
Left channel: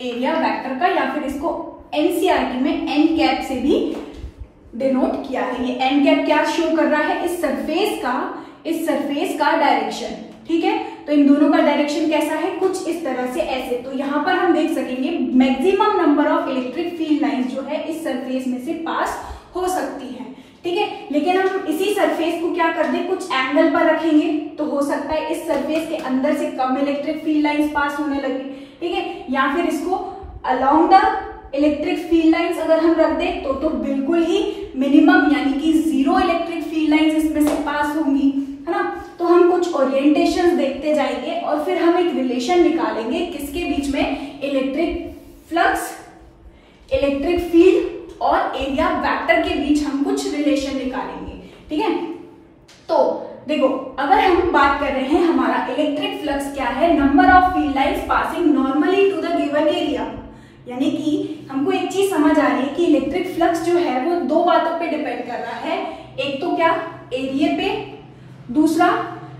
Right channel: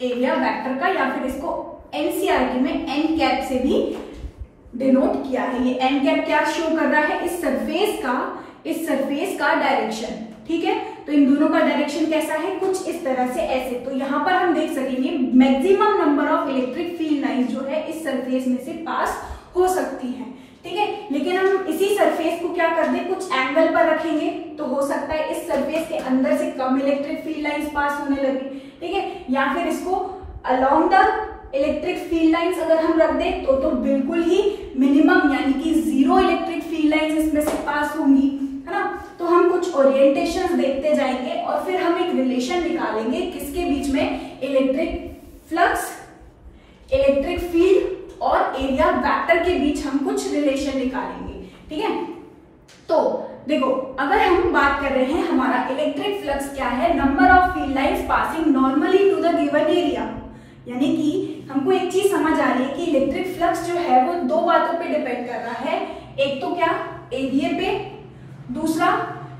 एरिया वेक्टर का, या फिर इसको एनसीईआरटी में एन कैप से भी डिनोट किया है। ये एन कैप क्या शो कर रहा है? इस सरफेस का डायरेक्शन। ठीक है, तो इन दोनों का डायरेक्शन कैसा है? कुछ इस तरह से ऐसे। तो यहाँ पर हम देख सकेंगे maximum number of electric field lines जो है इस सरफेस में से पास हो सकती हैं। ठीक है, लेकिन हम इसी सरफेस को क्या कर दें? कुछ एंगल पर रखेंगे तो हो सकता है इस सरफेस के अंदर से कम इलेक्ट्रिक फील्ड लाइंस पास होने लगे। ठीक है, या फिर इसको along the electric field lines अगर हम रख दें तो बिल्कुल ही मिनिमम यानी कि 0 इलेक्ट्रिक फील्ड लाइंस इसमें से पास होंगी, है ना। तो हम कुछ ओरिएंटेशन देखते जाएंगे और फिर हम एक रिलेशन निकालेंगे किसके बीच में? इलेक्ट्रिक फ्लक्स, इलेक्ट्रिक फील्ड और एरिया वेक्टर के बीच हम कुछ रिलेशन निकालेंगे। ठीक है, तो देखो अगर हम बात कर रहे हैं हमारा इलेक्ट्रिक फ्लक्स क्या है? Number of field lines passing normally to the given area. यानी कि हमको एक चीज समझ आ रही है कि इलेक्ट्रिक फ्लक्स जो है वो दो बातों पे डिपेंड कर रहा है। एक तो क्या? एरिया पे, दूसरा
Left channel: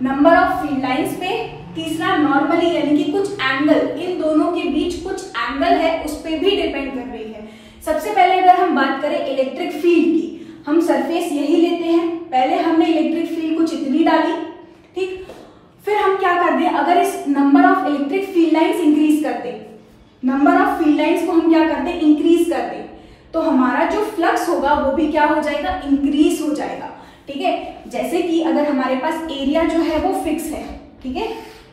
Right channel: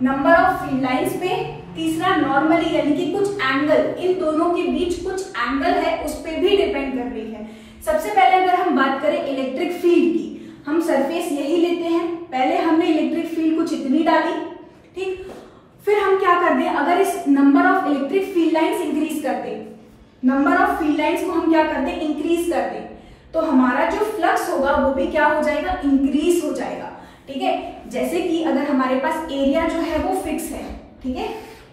नंबर ऑफ फील्ड लाइंस पे, तीसरा नॉर्मली यानी कि कुछ एंगल, इन दोनों के बीच कुछ एंगल है उस पे भी डिपेंड कर रही है। सबसे पहले अगर हम बात करें इलेक्ट्रिक फील्ड की, हम सरफेस यही लेते हैं। पहले हमने इलेक्ट्रिक फील्ड कुछ इतनी डाली, ठीक, फिर हम क्या कर दें? अगर इस number of electric field lines increase कर दें, नंबर ऑफ फील्ड लाइंस को हम क्या कर दें? इंक्रीज कर दें, तो हमारा जो फ्लक्स होगा वो भी क्या हो जाएगा, इंक्रीज हो जाएगा। ठीक है, जैसे कि अगर हमारे पास एरिया जो है वो फिक्स है, ठीक है,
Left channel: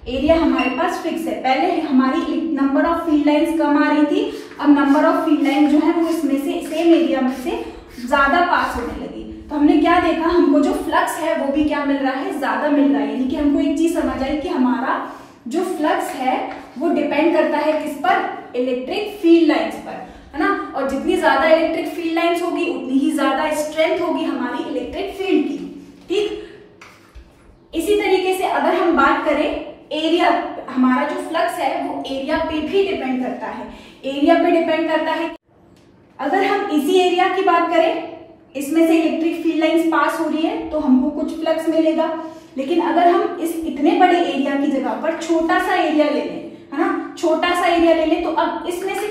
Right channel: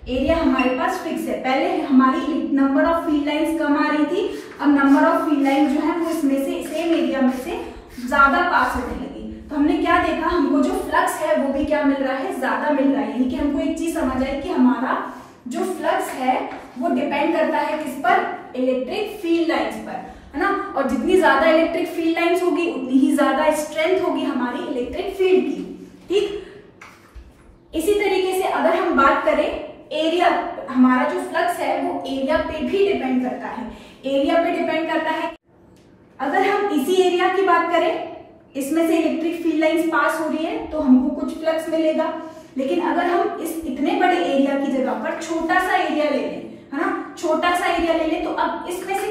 एरिया हमारे पास फिक्स है, पहले हमारी नंबर ऑफ फील्ड लाइंस कम आ रही थी, अब नंबर ऑफ फील्ड लाइन जो है वो इसमें से सेम एरिया में से ज्यादा पास होने लगी। तो हमने क्या देखा, हमको जो फ्लक्स है वो भी क्या मिल रहा है, ज्यादा मिल रहा है। यानी कि हमको एक चीज समझ आई कि हमारा जो फ्लक्स है वो डिपेंड करता है किस पर, इलेक्ट्रिक फील्ड लाइंस पर, है ना। और जितनी ज्यादा इलेक्ट्रिक फील्ड लाइंस होगी उतनी ही ज्यादा स्ट्रेंथ होगी हमारी इलेक्ट्रिक फील्ड की। ठीक, इसी तरीके से अगर हम बात करें एरिया, हमारा जो फ्लक्स है वो एरिया पे भी डिपेंड करता है, एरिया पे डिपेंड करता है। अगर हम इसी एरिया की बात करें, इसमें से इलेक्ट्रिक फील्ड लाइंस पास हो रही है तो हमको कुछ फ्लक्स मिलेगा, लेकिन अगर हम इस इतने बड़े एरिया की जगह पर छोटा सा एरिया ले लें, है ना, छोटा सा एरिया ले लें, तो अब इसमें से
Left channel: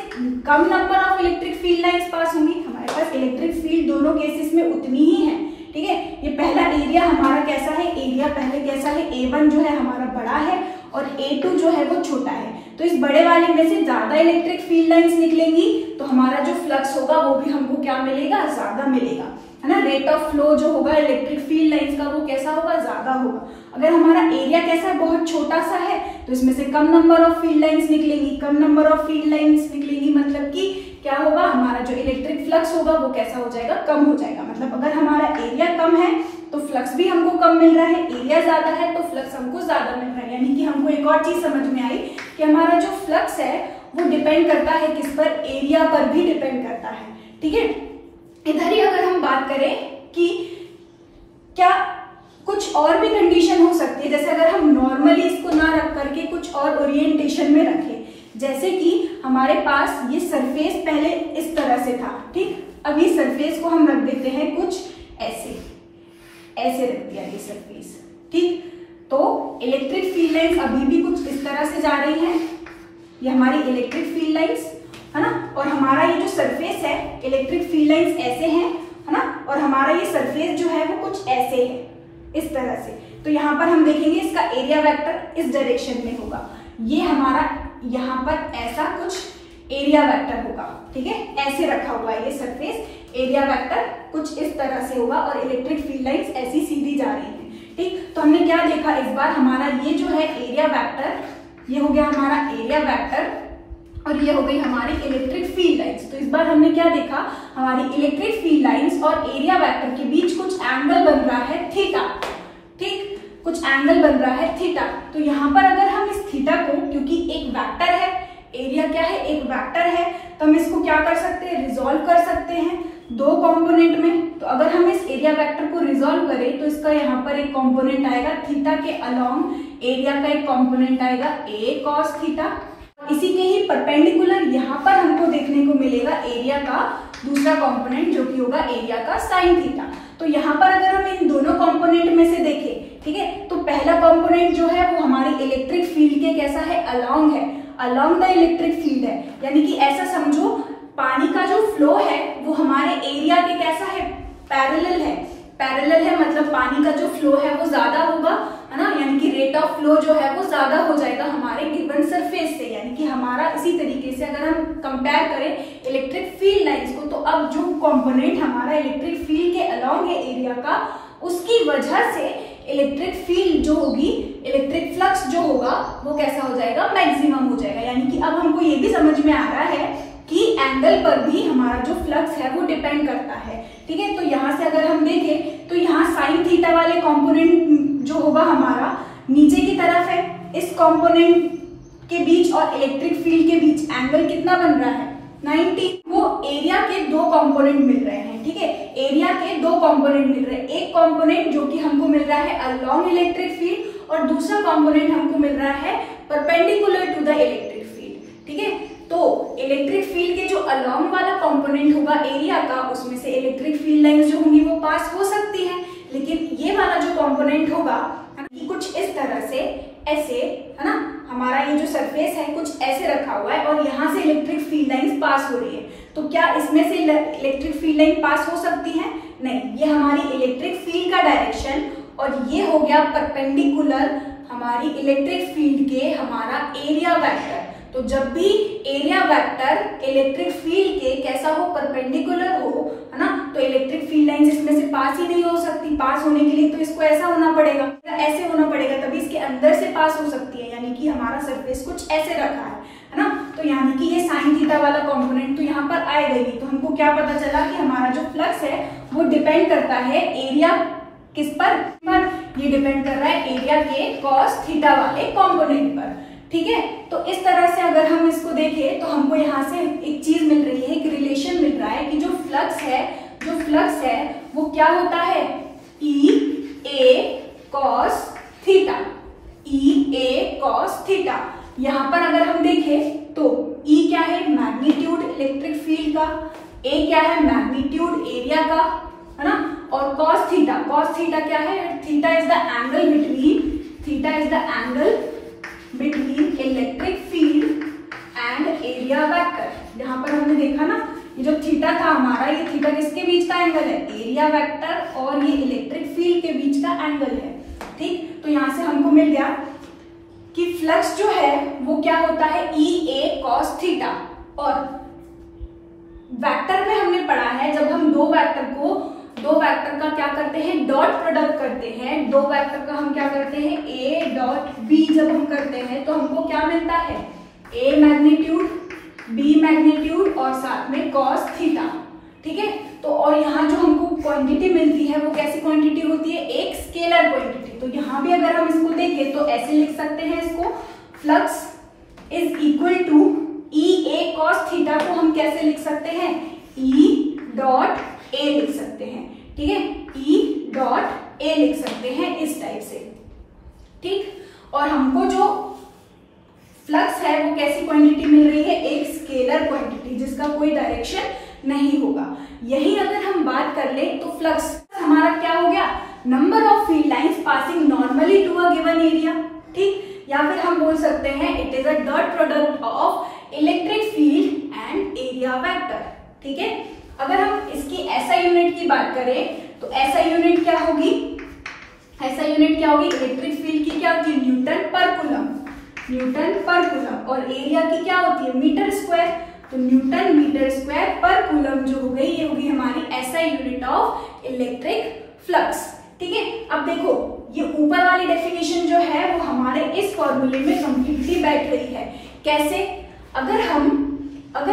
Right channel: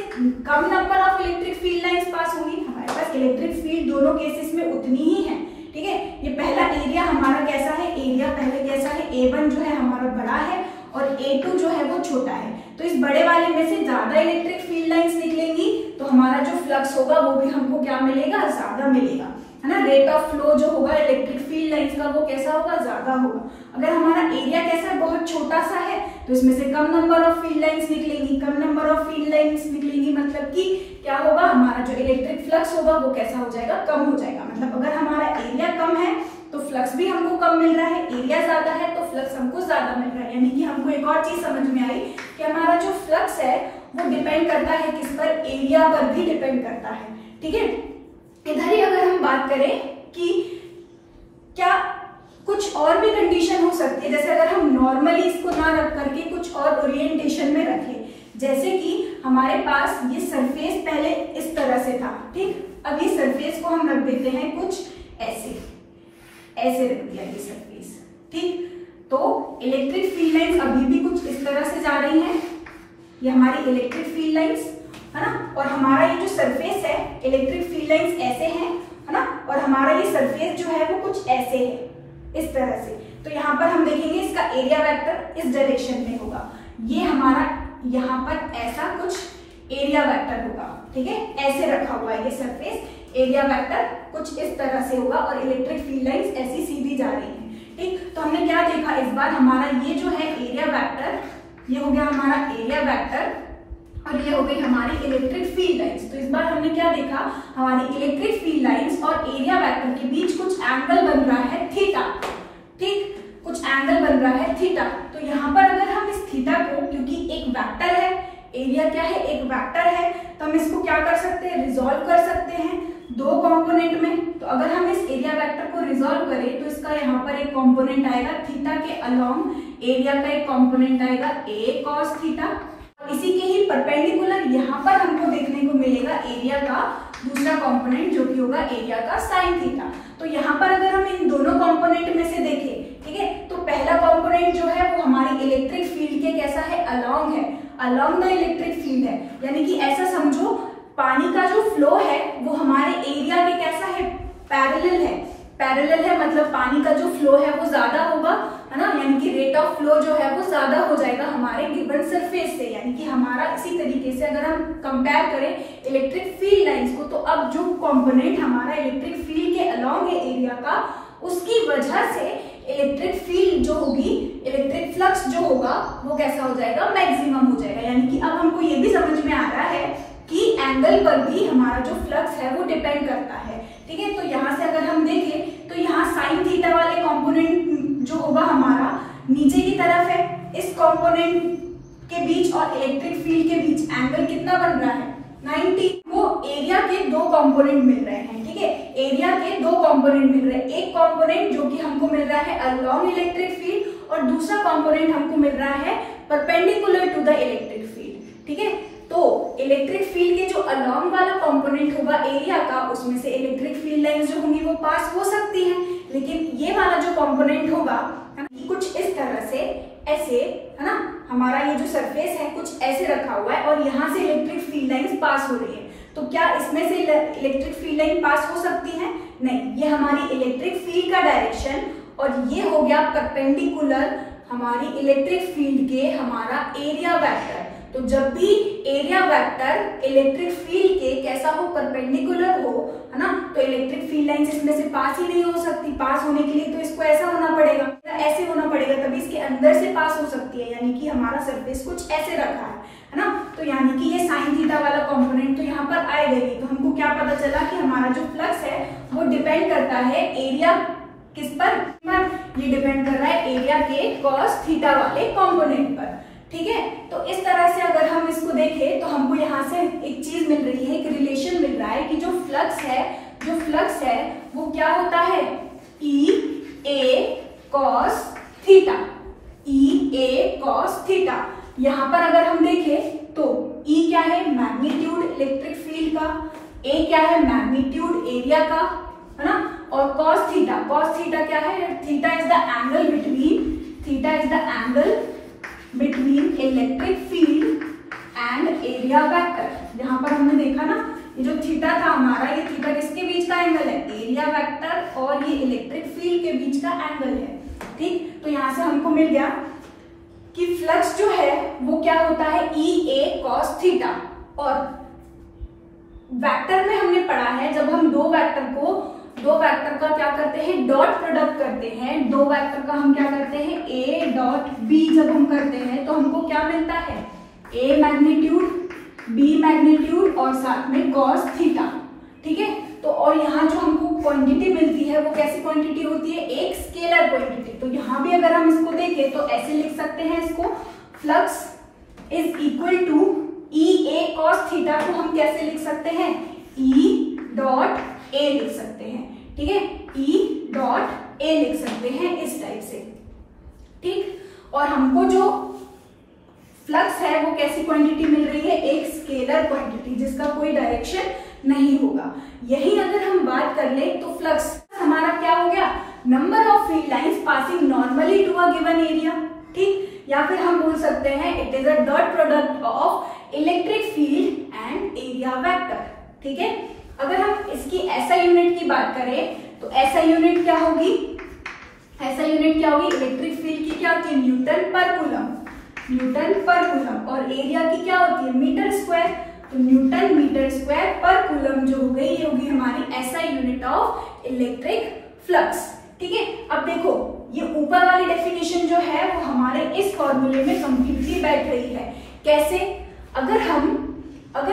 कम number of electric field lines pass होंगी। हमारे पास इलेक्ट्रिक फील्ड दोनों केसेस में उतनी ही है। ठीक है, ये पहला एरिया हमारा कैसा है, एरिया पहले कैसा है, A1 जो है हमारा बड़ा है और A2 जो है वो छोटा है। तो इस बड़े वाले में से ज्यादा इलेक्ट्रिक फील्ड लाइंस निकलेंगी तो हमारा जो फ्लक्स होगा वो भी हमको क्या मिलेगा, ज्यादा मिलेगा, है ना। रेट ऑफ फ्लो जो होगा इलेक्ट्रिक फील्ड लाइंस का वो कैसा होगा, ज्यादा होगा। अगर हमारा एरिया कैसा है, बहुत छोटा सा है, तो इसमें से कम नंबर ऑफ फील्ड लाइंस निकलेंगी। कम नंबर ऑफ फील्ड लाइंस निकलेंगी मतलब कि क्या होगा, हमारा जो इलेक्ट्रिक फ्लक्स होगा वो कैसा हो जाएगा, कम हो जाएगा। मतलब अगर हमारा एरिया कम है तो फ्लक्स भी हमको कम मिल रहा है, एरिया ज्यादा है तो फ्लक्स हमको ज्यादा मिल रहा है। यानी कि हमको एक और चीज समझ में आई कि हमारा जो फ्लक्स है वो डिपेंड करता है किस पर, एरिया पर भी डिपेंड करता है। ठीक है, इधर ही अगर हम बात करें कि क्या कुछ और भी कंडीशन हो सकती है, जैसे अगर हम नॉर्मली इसको ना रख करके कुछ और ओरिएंटेशन में रखें, जैसे कि हमारे पास ये सरफेस पहले इस तरह से था, ठीक, अब ये सरफेस को हम रख देते हैं कुछ ऐसे, ऐसे रख दिया ये सरफेस। ठीक, तो इलेक्ट्रिक फील्ड लाइंस अभी भी कुछ इस तरह से जा रही हैं, ये हमारी इलेक्ट्रिक फील्ड लाइंस, है ना। और हमारा ये जो सरफेस है, इलेक्ट्रिक फील्ड लाइंस ऐसे हैं, है ना, और हमारा ये सरफेस जो है वो कुछ ऐसे है, इस तरह से। तो यहाँ पर हम देखेंगे इसका एरिया वेक्टर इस डायरेक्शन में होगा, ये हमारा यहाँ पर ऐसा कुछ एरिया वेक्टर होगा। ठीक है, ऐसे रखा हुआ है ये सरफेस, एरिया वेक्टर कुछ इस तरह से होगा और इलेक्ट्रिक फील्ड लाइंस ऐसी सीधी जा रही है। ठीक, तो हमने क्या देखा इस बार, हमारा ये जो है एरिया वेक्टर, ये हो गया हमारा एरिया वेक्टर और ये हो गई हमारी इलेक्ट्रिक फील्ड लाइंस। तो इस बार हमने क्या देखा, हमारी इलेक्ट्रिक फील्ड लाइंस और एरिया वेक्टर के बीच कुछ एंगल बन रहा है थीटा। ठीक, कुछ एंगल बन रहा है थीटा। तो यहाँ पर अगर हम इस थीटा को, क्योंकि एक वेक्टर है, एरिया क्या है, एक वेक्टर है, तो हम इसको क्या कर सकते हैं, रिजॉल्व कर सकते हैं दो कंपोनेंट में। तो अगर हम इस एरिया वेक्टर को रिजॉल्व करें तो इसका यहाँ पर एक कंपोनेंट आएगा थीटा के अलोंग, एरिया का एक कंपोनेंट आएगा a cos थीटा। इसी के ही परपेंडिकुलर यहाँ पर हमको देखने को मिलेगा एरिया का दूसरा कंपोनेंट जो कि होगा एरिया का साइन थीटा। तो यहाँ पर अगर हम इन दोनों कंपोनेंट में से देखें, ठीक है, तो पहला कंपोनेंट जो है वो हमारी इलेक्ट्रिक फील्ड के कैसा है, अलोंग है, अलोंग द इलेक्ट्रिक फील्ड है। यानी कि ऐसा समझो पानी का जो फ्लो है वो हमारे एरिया पे कैसा है, पैरेलल है, पैरेलल है, मतलब पानी का जो फ्लो है वो ज्यादा होगा, है ना। यानी कि रेट ऑफ फ्लो जो है वो ज्यादा हो जाएगा हमारे गिवन सरफेस से। यानी कि हमारा इसी तरीके से अगर हम कंपेयर करें इलेक्ट्रिक फील्ड लाइंस को, तो अब जो कंपोनेंट हमारा इलेक्ट्रिक फील्ड के अलोंग है एरिया का, उसकी वजह से इलेक्ट्रिक फील्ड जो होगी, इलेक्ट्रिक फ्लक्स जो होगा वो कैसा हो जाएगा, मैक्सिमम हो जाएगा। यानी कि अब हमको ये भी समझ में आ रहा है कि एंगल पर भी हमारा जो फ्लक्स है वो डिपेंड करता है। ठीक है, तो यहाँ से अगर हम देखें तो यहाँ साइन थीटा वाले कंपोनेंट जो होगा हमारा नीचे की तरफ है, इस कंपोनेंट के बीच और इलेक्ट्रिक फील्ड के बीच एंगल कितना बन रहा है, 90। वो एरिया के दो कंपोनेंट मिल रहे हैं। ठीक है, एरिया के दो कंपोनेंट मिल रहे हैं, एक कंपोनेंट जो कि हमको मिल रहा है अलोंग इलेक्ट्रिक फील्ड और दूसरा कंपोनेंट हमको मिल रहा है perpendicular to the electric field. ठीक है, तो इलेक्ट्रिक फील्ड के जो अलोंग वाला कंपोनेंट होगा एरिया का, उसमें से इलेक्ट्रिक फील्ड लाइंस जो होंगी वो पास हो सकती है, लेकिन ये वाला जो कंपोनेंट होगा कुछ इस तरह से ऐसे, है ना, हमारा ये जो सरफेस है कुछ ऐसे रखा हुआ है और यहाँ से इलेक्ट्रिक फील्ड लाइंस पास हो रही है। तो क्या इसमें से इलेक्ट्रिक फील्ड लाइन पास हो सकती है, नहीं, ये हमारी इलेक्ट्रिक फील्ड का डायरेक्शन और ये हो गया परपेंडिकुलर हमारी इलेक्ट्रिक फील्ड के हमारा एरिया वेक्टर। तो तो जब भी एरिया वेक्टर इलेक्ट्रिक फील्ड के कैसा हो, परपेंडिकुलर हो, है ना, तो इलेक्ट्रिक फील्ड लाइंस इसमें से पास ही नहीं हो सकती। पास होने के लिए तो इसको ऐसा होना पड़ेगा, ऐसे होना पड़ेगा, तभी इसके अंदर से पास हो सकती है। यानी कि हमारा सरफेस कुछ ऐसे रखा है ना, तो यानी कि ये साइन थीटा वाला कंपोनेंट तो यहाँ पर आएगा ही। तो हमको क्या पता चला कि हमारा जो फ्लक्स है वो डिपेंड करता है एरिया किस पर, ये डिपेंड कर रहा है एरिया के कॉस थीटा वाले कंपोनेंट पर। ठीक है, तो इस तरह से अगर हम इसको देखें तो हमको यहाँ से एक चीज मिल रही है, एक रिलेशन मिल रहा है कि जो फ्लक्स है वो क्या होता है, ई A cos theta, E A cos theta. यहाँ पर अगर हम देखें तो ई क्या है, मैग्नीट्यूड इलेक्ट्रिक फील्ड का, ए क्या है, मैग्नीट्यूड एरिया का, है ना, और कॉस थीटा क्या है, theta is the angle between electric field and area vector. यहाँ पर हमने देखा ना, ये जो थीटा था हमारा, ये थीटा किसके बीच का एंगल है, एरिया वेक्टर और ये इलेक्ट्रिक फील्ड के बीच का एंगल है। ठीक, तो यहाँ से हमको मिल गया कि फ्लक्स जो है वो क्या होता है, ई ए कॉस थीटा। और वेक्टर में हमने पढ़ा है, जब हम दो वेक्टर का क्या करते हैं, डॉट प्रोडक्ट करते हैं, दो वेक्टर का हम क्या करते हैं, ए डॉट बी जब हम करते हैं तो हमको क्या मिलता है, ए मैग्नीट्यूड, बी मैग्नीट्यूड और साथ में कॉस थीटा। ठीक है, तो और यहाँ जो हमको क्वांटिटी मिलती है वो कैसी क्वांटिटी होती है, एक स्केलर क्वांटिटी। तो यहाँ भी अगर हम इसको देखें तो ऐसे लिख सकते हैं इसको, flux is equal to E A cos theta को हम कैसे लिख सकते हैं, ई डॉट ए लिख सकते हैं। ठीक है, ई डॉट ए लिख सकते हैं इस टाइप से। ठीक, और हमको जो फ्लक्स है वो कैसी क्वांटिटी मिल रही है, एक स्केलर क्वांटिटी जिसका कोई डायरेक्शन नहीं होगा। यही अगर हम बात कर ले तो फ्लक्स हमारा क्या हो गया, number of field lines passing normally to a given area. ठीक, या फिर हम बोल सकते हैं it is a dot product of electric field and area vector. ठीक है, अगर हम इसकी एसआई यूनिट की बात करें तो एसआई यूनिट क्या होगी, इलेक्ट्रिक फील्ड की क्या होती है, न्यूटन पर कूलम, और एरिया की क्या होती है, मीटर स्क्वायर। तो न्यूटन मीटर स्क्वायर पर कूलम जो हो गई, ये होगी हमारी SI unit of electric flux. ठीक है, अब देखो ये ऊपर वाली डेफिनेशन जो है वो हमारे इस फॉर्मूले में कंप्लीटली बैठ रही है। कैसे, अगर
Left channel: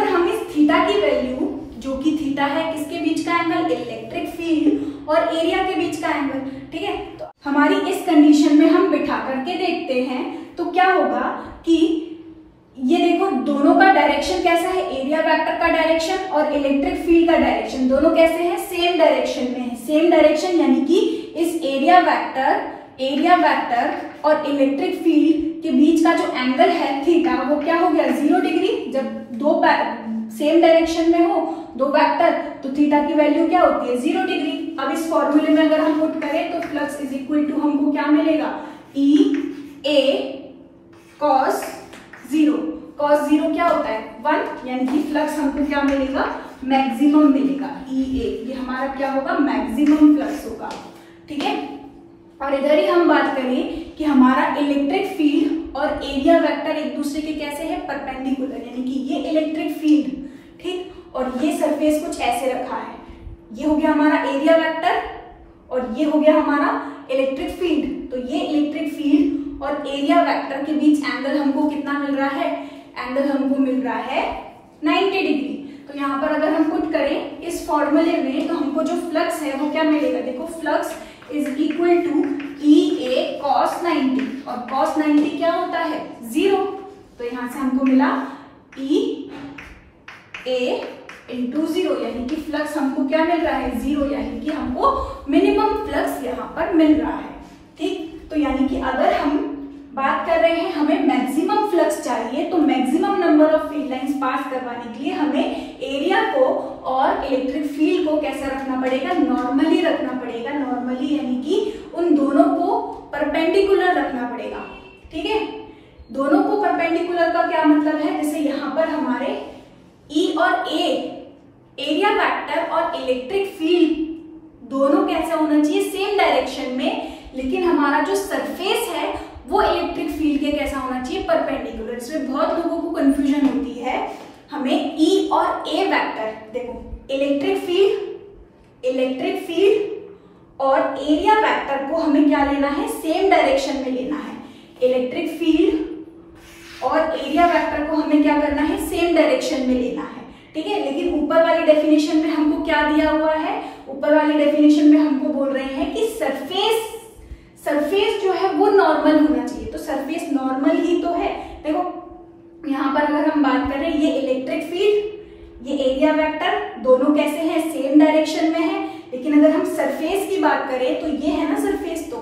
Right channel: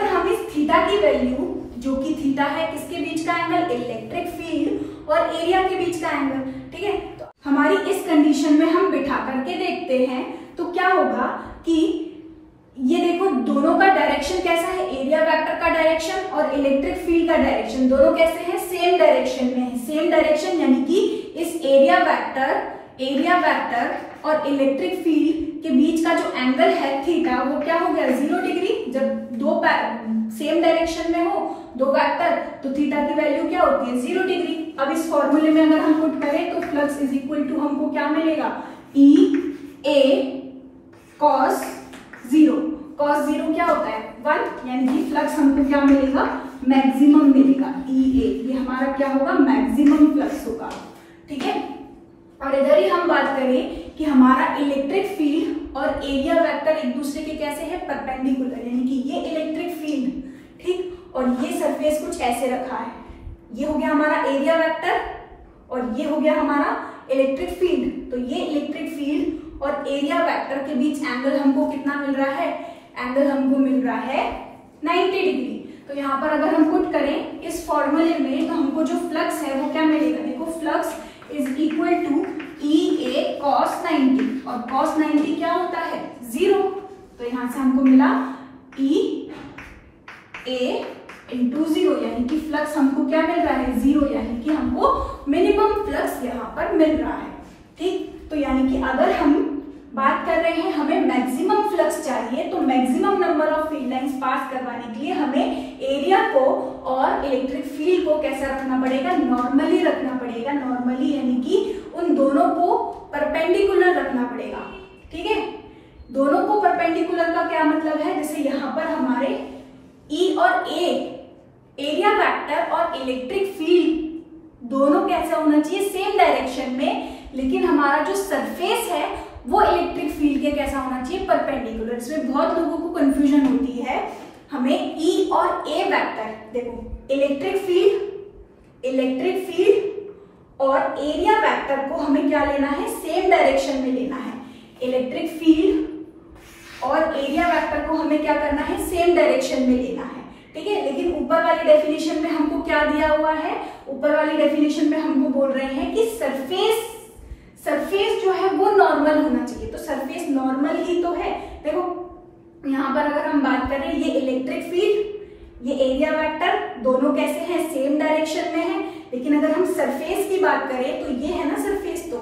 हम इस थीटा की वैल्यू, जो कि थीटा है किसके बीच का एंगल, इलेक्ट्रिक फील्ड और एरिया के बीच का एंगल। ठीक है, तो हमारी इस कंडीशन में हम बिठा करके देखते हैं तो क्या होगा कि ये देखो दोनों का डायरेक्शन कैसा है, एरिया वेक्टर का डायरेक्शन और इलेक्ट्रिक फील्ड का डायरेक्शन दोनों कैसे हैं, सेम डायरेक्शन में है। सेम डायरेक्शन यानी कि इस एरिया वेक्टर और इलेक्ट्रिक फील्ड के बीच का जो एंगल है थीटा वो क्या हो गया, 0 डिग्री। जब दो सेम डायरेक्शन में हो दो वेक्टर तो थीटा की वैल्यू क्या होती है, 0 डिग्री। अब इस फॉर्मूले में अगर हम पुट करें तो फ्लक्स इज इक्वल टू हमको क्या मिलेगा, ई ए कॉस 0 क्या होता है 1, यानी कि फ्लक्स हमको क्या मिलेगा, मैक्सिमम मिलेगा। ई ए ये हमारा क्या होगा, मैक्सिमम फ्लक्स होगा। ठीक है, और इधर ही हम बात करें कि हमारा इलेक्ट्रिक फील्ड और एरिया वेक्टर एक दूसरे के कैसे है, परपेंडिकुलर, यानी कि ये इलेक्ट्रिक फील्ड, ठीक, और ये सरफेस कुछ ऐसे रखा है। ये हो गया हमारा एरिया वेक्टर और ये हो गया हमारा इलेक्ट्रिक फील्ड। तो ये इलेक्ट्रिक फील्ड और एरिया वेक्टर के बीच एंगल हमको कितना मिल रहा है, एंगल हमको मिल रहा है 90 डिग्री। तो यहाँ पर अगर हम पुट करें इस फॉर्मूले में तो हमको जो फ्लक्स है वो क्या मिलेगा, देखो flux is equal to E A cos 90 और कॉस 90 क्या होता है 0। तो यहाँ से हमको मिला ई ए इंटू 0, यानी कि फ्लक्स हमको क्या मिल रहा है 0, यानी कि हमको मिनिमम फ्लक्स यहाँ पर मिल रहा है। ठीक, तो यानी कि अगर हम बात कर रहे हैं हमें मैक्सिमम फ्लक्स चाहिए तो maximum number of field lines pass करवाने के लिए हमें एरिया को और इलेक्ट्रिक फील्ड को कैसा रखना पड़ेगा, नॉर्मली रखना पड़ेगा। नॉर्मली यानी कि उन दोनों को परपेंडिकुलर रखना पड़ेगा। ठीक है, दोनों को परपेंडिकुलर का क्या मतलब है, जैसे यहाँ पर हमारे ई और ए, एरिया वेक्टर और इलेक्ट्रिक फील्ड दोनों कैसा होना चाहिए, सेम डायरेक्शन में, लेकिन हमारा जो सरफेस है वो इलेक्ट्रिक फील्ड के कैसा होना चाहिए, परपेंडिकुलर। इसमें बहुत लोगों को कंफ्यूजन होती है। हमें ई और ए वेक्टर, देखो इलेक्ट्रिक फील्ड और एरिया वेक्टर को हमें क्या लेना है, सेम डायरेक्शन में लेना है। इलेक्ट्रिक फील्ड और एरिया वेक्टर को हमें क्या करना है, सेम डायरेक्शन में लेना है, ठीक है। लेकिन ऊपर वाली डेफिनेशन में हमको क्या दिया हुआ है, ऊपर वाली डेफिनेशन में हमको बोल रहे हैं कि सरफेस जो है वो नॉर्मल होना चाहिए। तो सरफेस नॉर्मल ही तो है। देखो यहाँ पर अगर हम बात करें, ये इलेक्ट्रिक फील्ड, ये एरिया वेक्टर, दोनों कैसे हैं, सेम डायरेक्शन में है। लेकिन अगर हम सरफेस की बात करें तो ये है ना सरफेस, तो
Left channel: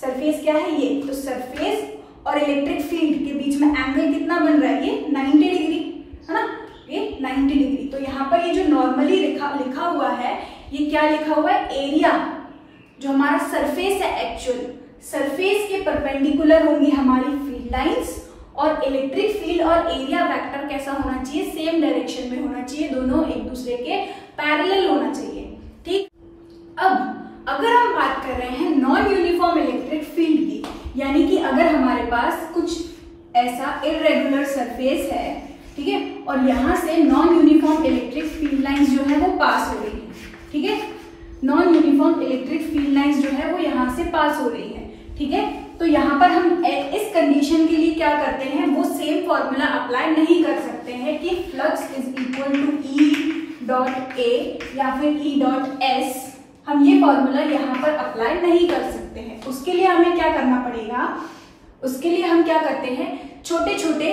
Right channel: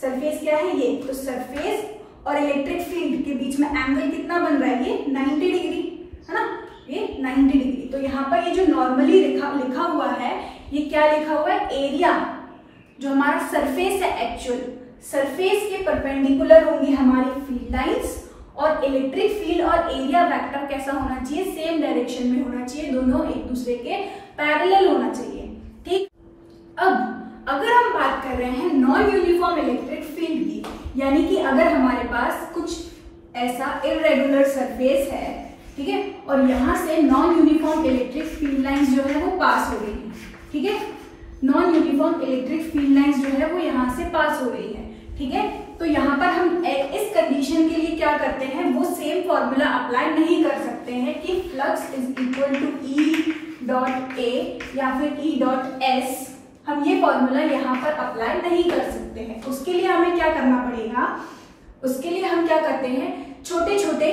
सरफेस क्या है, ये। तो सरफेस और इलेक्ट्रिक फील्ड के बीच में एंगल कितना बन रहा है, ये 90 डिग्री है ना, ये 90 डिग्री। तो यहाँ पर ये जो नॉर्मली लिखा हुआ है, ये क्या लिखा हुआ है, एरिया जो हमारा सरफेस है, एक्चुअल सरफेस के परपेंडिकुलर होंगी हमारी फील्ड लाइंस, और इलेक्ट्रिक फील्ड और एरिया वेक्टर कैसा होना चाहिए, सेम डायरेक्शन में होना चाहिए, दोनों एक दूसरे के पैरेलल होना चाहिए, ठीक। अब अगर हम बात कर रहे हैं नॉन यूनिफॉर्म इलेक्ट्रिक फील्ड की, यानी कि अगर हमारे पास कुछ ऐसा इरेगुलर सरफेस है, ठीक है, और यहाँ से non uniform electric field lines जो है वो पास हो रही है, ठीक है। Non uniform electric field lines जो है वो यहाँ से पास हो रही है, ठीक है। तो यहाँ पर हम इस कंडीशन के लिए क्या करते हैं, वो सेम फॉर्मूला अप्लाई नहीं कर सकते हैं कि flux is equal to E dot A या फिर ई डॉट एस। हम ये फॉर्मूला यहाँ पर अप्लाई नहीं कर सकते हैं। उसके लिए हमें क्या करना पड़ेगा, उसके लिए हम क्या करते हैं, छोटे छोटे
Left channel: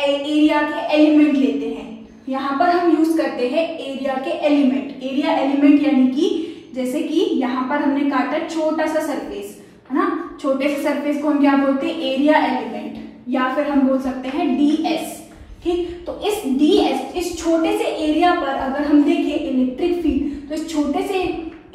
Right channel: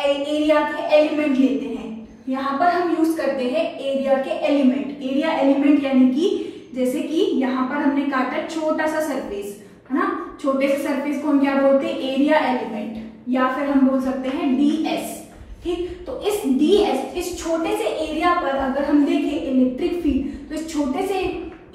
एरिया के एलिमेंट लेते हैं। यहाँ पर हम यूज करते हैं एरिया के एलिमेंट। एरिया एलिमेंट यानी कि जैसे कि यहाँ पर हमने काटा छोटा सा सरफेस, है ना, छोटे से सरफेस को हम क्या बोलते हैं, एरिया एलिमेंट, या फिर हम बोल सकते हैं ds, ठीक। तो इस ds, इस छोटे से एरिया पर अगर हम देखें इलेक्ट्रिक फील्ड, तो इस छोटे से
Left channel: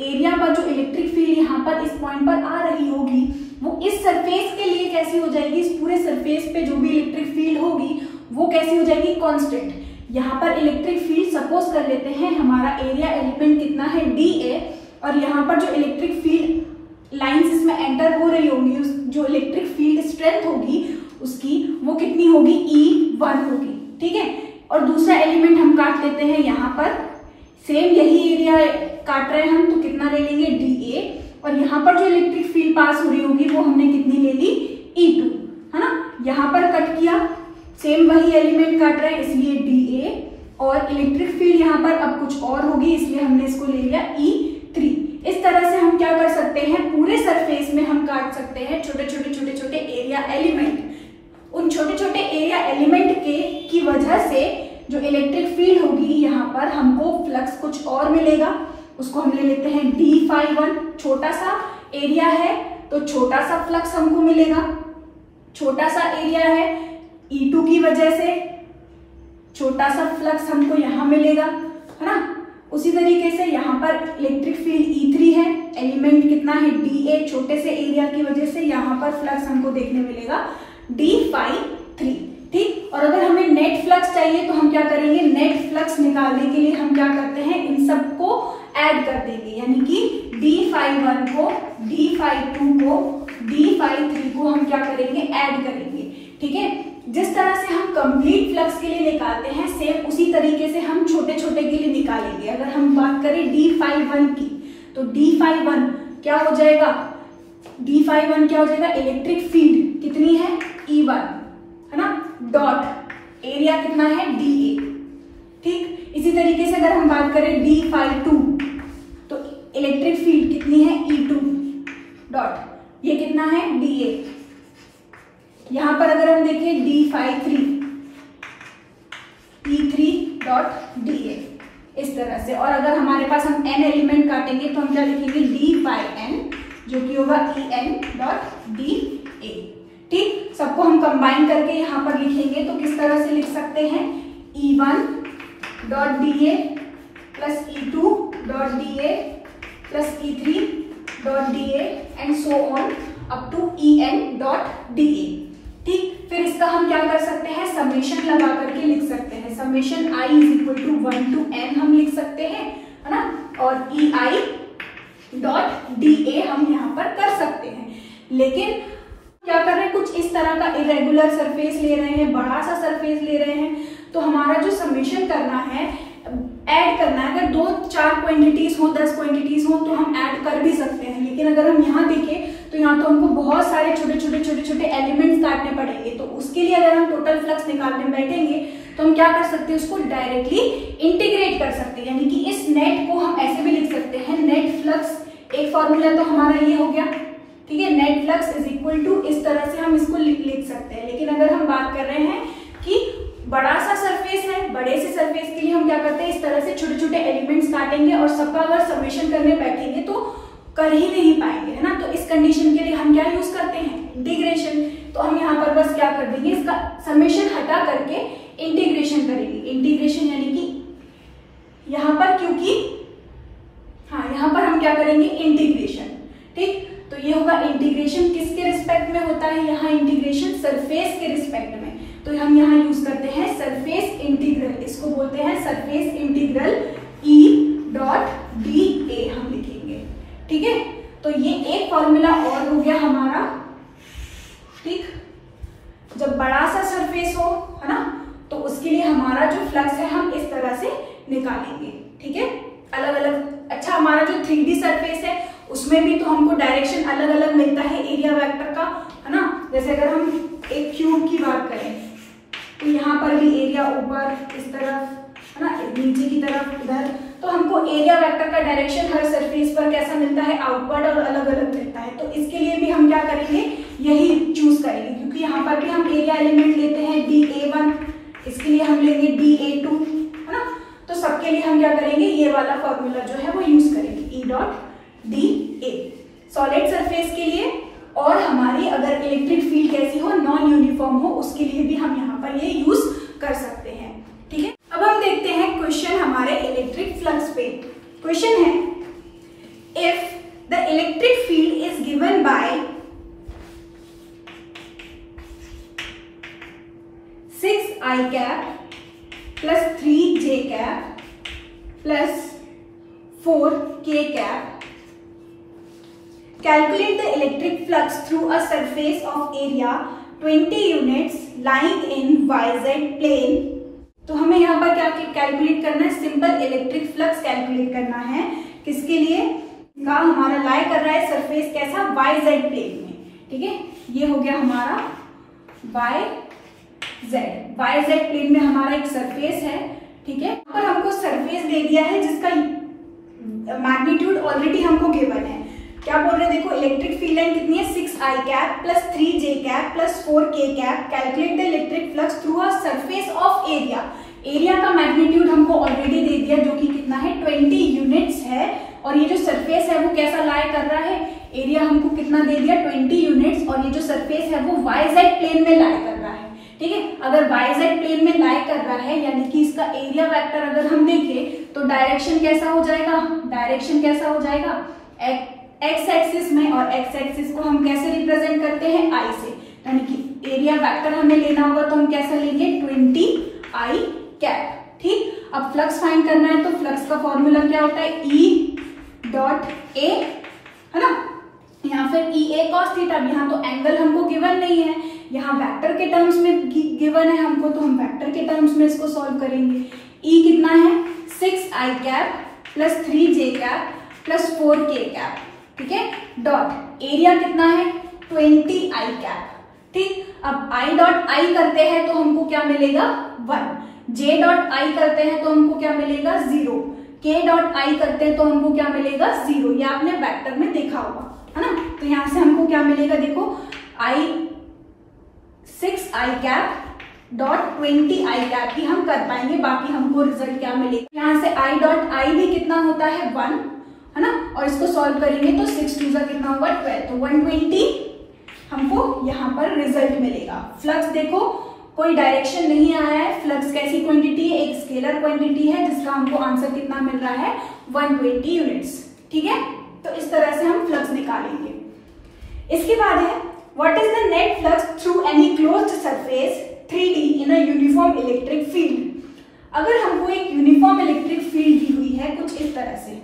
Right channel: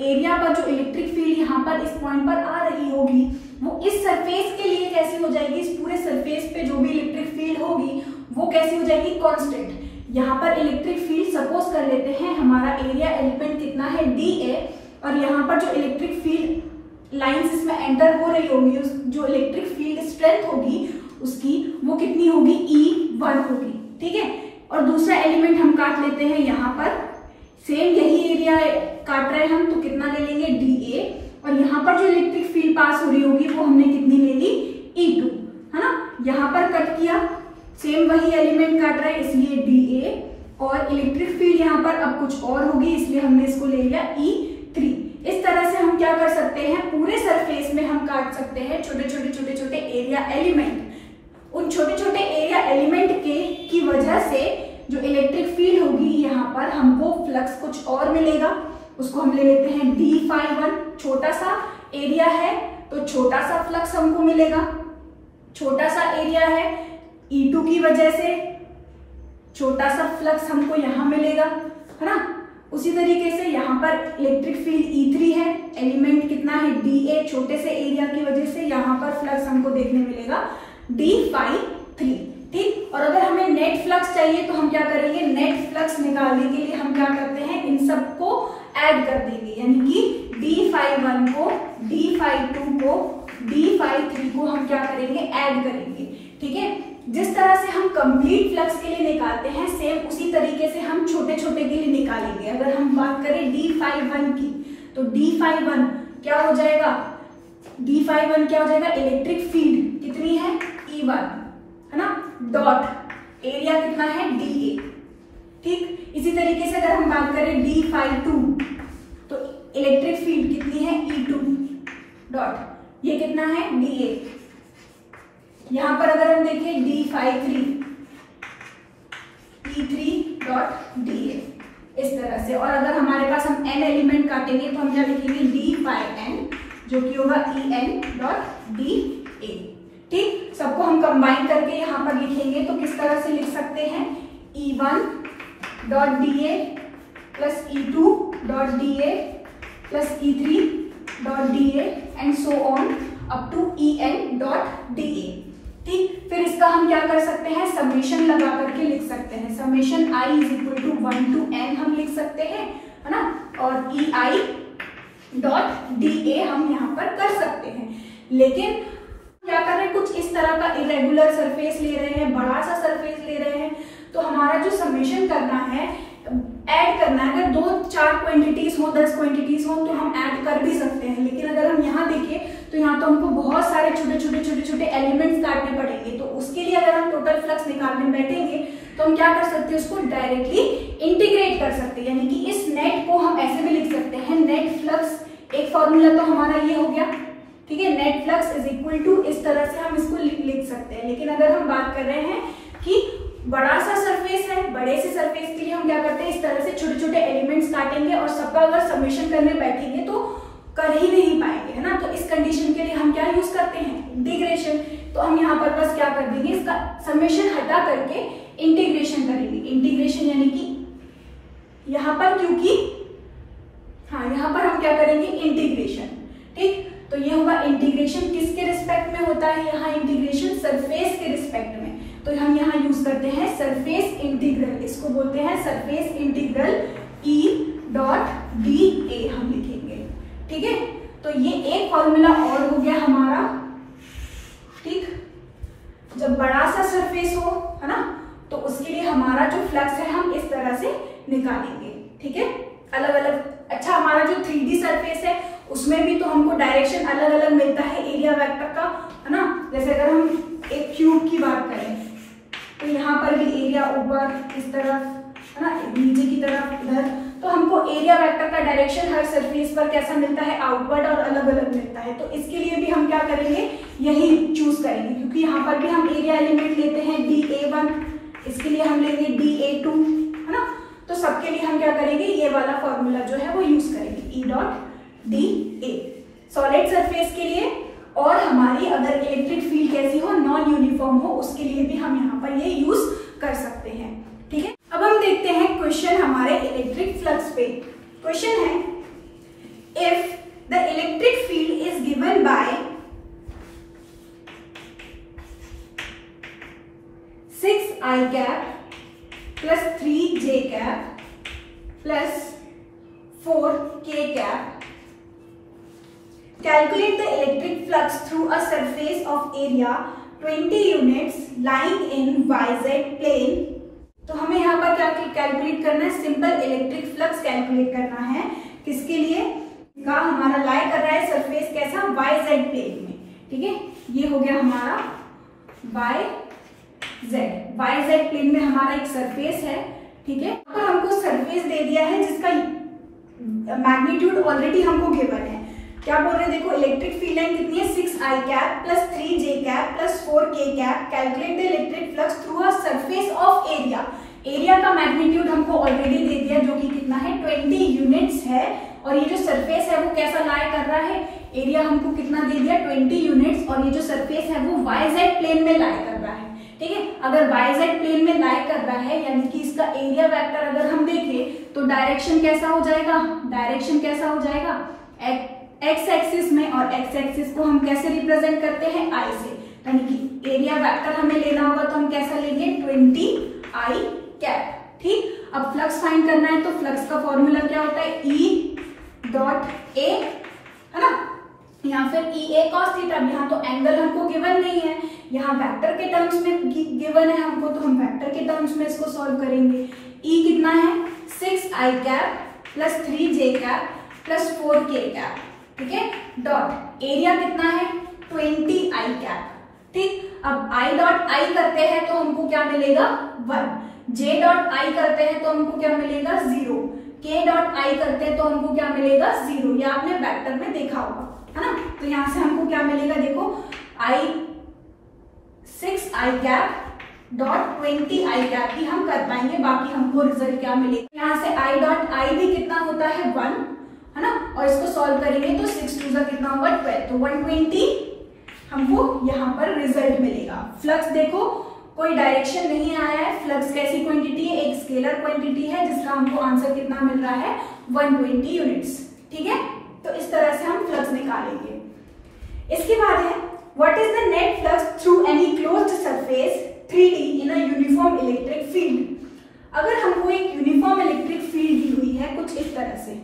एरिया पर जो इलेक्ट्रिक फील्ड यहाँ पर इस पॉइंट पर आ रही होगी, वो इस सरफेस के लिए कैसी हो जाएगी, इस पूरे सरफेस पे जो भी इलेक्ट्रिक फील्ड होगी वो कैसी हो जाएगी, कांस्टेंट। यहाँ पर इलेक्ट्रिक फील्ड सपोज कर लेते हैं हमारा एरिया एलिमेंट कितना है, dA, और यहाँ पर जो इलेक्ट्रिक फील्ड लाइंस इसमें एंटर हो रही होंगी, जो इलेक्ट्रिक फील्ड स्ट्रेंथ होगी उसकी वो कितनी होगी, E1 होगी, ठीक है। और दूसरा एलिमेंट हम काट लेते हैं, यहाँ पर सेम यही एरिया काट रहे हैं हम, तो कितना ले लेंगे, dA, और यहाँ पर जो इलेक्ट्रिक फील्ड पास हो रही होगी वो हमने कितनी ले ली, E2, है ना। यहाँ पर कट किया, सेम वही एलिमेंट काट रहे हैं इसलिए dA, और इलेक्ट्रिक फील्ड यहाँ पर अब कुछ और होगी इसलिए हमने इसको ले लिया E3। इस तरह से हम क्या कर सकते हैं, पूरे सरफेस में हम काट सकते हैं छोटे छोटे एरिया एलिमेंट। उन छोटे छोटे एरिया एलिमेंट की वजह से जो इलेक्ट्रिक फील्ड होगी यहाँ पर हमको फ्लक्स कुछ और मिलेगा, उसको हम ले लेते हैं d∅1। छोटा सा एरिया है तो छोटा सा फ्लक्स हमको मिलेगा, छोटा सा एरिया है, E2 की वजह से छोटा सा फ्लक्स हमको यहाँ मिलेगा, है ना। उसी तरीके से यहाँ पर इलेक्ट्रिक फील्ड E3 है, एलिमेंट कितना है, dA, छोटे से एरिया की वजह से यहाँ पर फ्लक्स हमको देखने मिलेगा d∅3, ठीक। और अगर हमें नेट फ्लक्स चाहिए तो हम क्या करेंगे, नेट फ्लक्स निकालने के लिए हम क्या करते हैं, इन सबको ऐड कर देंगे, यानी कि d∅1 को, d∅2 को, d∅3 को हम क्या करेंगे, ऐड करेंगे, ठीक है। जिस तरह से हम कंप्लीट फ्लक्स के लिए निकालते हैं, सेम उसी तरीके से हम छोटे छोटे के लिए निकालेंगे। अगर हम बात करें d∅1 की, तो d∅1 क्या हो जाएगा, d∅1 क्या हो जाएगा, इलेक्ट्रिक फील्ड कितनी है, E1, है ना, डॉट एरिया कितना है, dA, ठीक। इसी तरीके से अगर हम बात करें d∅2, तो इलेक्ट्रिक फील्ड कितनी है, E2, डॉट ये कितना है, dA। यहां पर अगर हम देखें d∅3, E3 डॉट dA, इस तरह से। और अगर हमारे पास हम n एलिमेंट काटेंगे तो हम क्या लिखेंगे, d∅n, जो कि होगा En डॉट dA, ठीक। सबको हम कंबाइन करके यहाँ पर लिखेंगे तो किस तरह से लिख सकते हैं, E1 dot dA plus E2 dot dA plus E3 dot dA and so on up to En dot dA, ठीक। फिर इसका हम क्या कर सकते हैं, समेशन लगा करके लिख सकते हैं, summation i is equal to 1 to n हम लिख सकते हैं, है ना। और ei डॉट dA हम यहाँ पर कर सकते हैं। लेकिन क्या कर रहे हैं, कुछ इस तरह का इरेगुलर सरफेस ले रहे हैं, बड़ा सा सरफेस ले रहे हैं, तो हमारा जो समेशन करना है, ऐड करना है, अगर 2-4 क्वांटिटीज हो, 10 क्वांटिटीज हो तो हम ऐड कर भी सकते हैं। लेकिन अगर हम यहाँ देखें तो यहाँ तो हमको बहुत सारे छोटे छोटे एलिमेंट्स काटने पड़ेंगे, तो उसके लिए अगर हम टोटल फ्लक्स निकालने बैठेंगे तो हम क्या कर सकते हैं, उसको डायरेक्टली इंटीग्रेट कर सकते हैं। यानी कि इस नेट को हम ऐसे भी लिख सकते हैं, नेट फ्लक्स, एक फॉर्मूला तो हमारा ये हो गया, ठीक है, net flux is equal to, इस तरह से हम इसको लिख सकते हैं। लेकिन अगर हम बात कर रहे हैं कि बड़ा सा सरफेस है, बड़े से सरफेस के लिए हम क्या करते हैं, इस तरह से छोटे छोटे एलिमेंट्स काटेंगे और सबका अगर समेशन करने बैठेंगे तो कर ही नहीं पाएंगे, है ना। तो इस कंडीशन के लिए हम क्या यूज करते हैं, इंटीग्रेशन। तो हम यहाँ पर बस क्या कर देंगे, इसका समेशन हटा करके इंटीग्रेशन करेंगे। इंटीग्रेशन यानी कि यहाँ पर, क्योंकि हाँ यहाँ पर हम क्या करेंगे, इंटीग्रेशन, ठीक। तो ये होगा इंटीग्रेशन, किसके रिस्पेक्ट में होता है, यहाँ इंटीग्रेशन सरफेस के रिस्पेक्ट में। तो हम यहाँ यूज करते हैं सरफेस इंटीग्रल, इसको बोलते हैं surface integral E dot dA हम लिखेंगे, ठीक है। तो ये एक फॉर्मूला और हो गया हमारा, ठीक। जब बड़ा सा सरफेस हो, है ना, तो उसके लिए हमारा जो फ्लक्स है हम इस तरह से निकालेंगे, ठीक है, अलग अलग। अच्छा, हमारा जो 3D सरफेस है उसमें भी तो हमको डायरेक्शन अलग अलग मिलता है एरिया वेक्टर का, है ना। जैसे अगर हम एक क्यूब की बात करें तो यहाँ पर भी एरिया ऊपर इस तरफ, है ना, नीचे की तरफ इधर, तो हमको एरिया वेक्टर का डायरेक्शन हर सरफेस पर कैसा मिलता है, आउटवर्ड और अलग अलग मिलता है। तो इसके लिए भी हम क्या करेंगे, यही चूज करेंगे, क्योंकि यहाँ पर भी हम एरिया एलिमेंट लेते हैं dA1, इसके लिए हम लेंगे dA2, है ना। तो सबके लिए हम क्या करेंगे, ये वाला फॉर्मूला जो है वो यूज करेंगे, E dot dA solid surface के लिए। और हमारी अगर इलेक्ट्रिक फील्ड कैसी हो, नॉन यूनिफॉर्म हो, उसके लिए भी हम यहाँ पर ये यूज कर सकते हैं, ठीक है। अब हम देखते हैं क्वेश्चन हमारे इलेक्ट्रिक फ्लक्स पे। क्वेश्चन है, if the electric field is given by 6I cap plus 3J cap plus 4K cap, calculate the electric flux through a surface of area 20 units lying in YZ plane। तो हमें यहाँ पर क्या calculate करना है, simple electric flux calculate करना है, किसके लिए, का हमारा लाई कर रहा है सरफेस कैसा, YZ प्लेन में, ठीक है। ये हो गया हमारा YZ प्लेन में हमारा एक सरफेस है, ठीक है। पर हमको सरफेस दे दिया है जिसका मैग्नीट्यूड ऑलरेडी हमको गिवन है। क्या बोल रहे हैं, देखो इलेक्ट्रिक फील्ड लाइन कितनी है, 6I cap plus 3J cap plus 4K cap, calculate the electric flux through a surface of area. Area का मैग्नीट्यूड हमको ऑलरेडी दे दिया, जो कि कितना है, 20 यूनिट्स है। और ये जो सरफेस है वो कैसा लाई कर रहा है, एरिया हमको कितना दे दिया, 20 यूनिट्स, और ये जो सरफेस है वो YZ प्लेन में लाई कर रहा है, ठीक है। अगर YZ प्लेन में लाई कर रहा है यानी कि इसका एरिया वेक्टर अगर हम देखें तो डायरेक्शन कैसा हो जाएगा, डायरेक्शन कैसा हो जाएगा, एक्स एक्सिस में, और एक्स एक्सिस को हम कैसे रिप्रेजेंट करते हैं, I से। यानी कि एरिया वेक्टर हमें लेना होगा तो हम कैसा लेंगे, 20I कैप, ठीक। अब फ्लक्स फाइंड करना है तो फ्लक्स का फॉर्मूला क्या होता है, E डॉट A, है ना, या फिर EA cos थीटा। यहाँ तो एंगल हमको गिवन नहीं है, यहाँ वेक्टर के टर्म्स में गिवन है हमको, तो हम वेक्टर के टर्म्स में इसको सॉल्व करेंगे। E कितना है, 6I cap plus 3J cap plus 4K cap, ठीक है, डॉट एरिया कितना है, 20I कैप, ठीक। अब I डॉट I करते हैं तो हमको क्या मिलेगा, 1, J डॉट I करते हैं तो हमको क्या मिलेगा, 0, K डॉट I करते हैं तो हमको क्या मिलेगा, 0। ये आपने वेक्टर में देखा होगा, है ना। तो यहां से हमको क्या मिलेगा, देखो 6I cap dot 20I cap ही हम कर पाएंगे, बाकी हमको रिजल्ट क्या मिलेगा, यहाँ से I डॉट I भी कितना होता है, 1, है ना। और इसको सॉल्व करेंगे तो 6 2 कितना होगा, 12, तो 120 हमको यहाँ पर रिजल्ट मिलेगा। फ्लक्स देखो कोई डायरेक्शन नहीं आया है, फ्लक्स कैसी क्वांटिटी है, एक स्केलर क्वांटिटी है जिसका हमको आंसर कितना मिल रहा है, 120 यूनिट्स, ठीक है। तो इस तरह से हम फ्लक्स निकालेंगे। इसके बाद है, what is the net flux through any closed surface 3D in a uniform electric field. अगर हमको एक यूनिफॉर्म इलेक्ट्रिक फील्ड दी हुई है कुछ इस तरह से,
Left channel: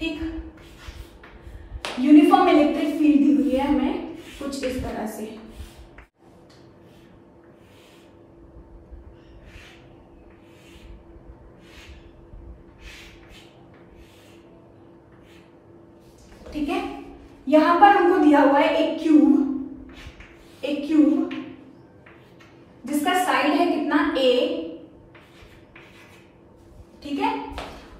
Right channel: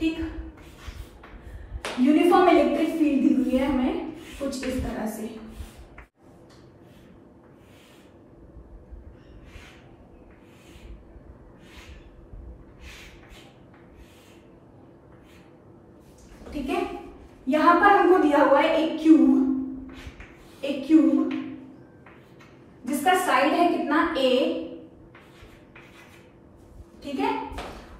ठीक, यूनिफॉर्म इलेक्ट्रिक फील्ड दी हुई है हमें कुछ इस तरह से। ठीक है, यहां पर हमको दिया हुआ है एक क्यूब जिसका साइड है कितना a, ठीक है,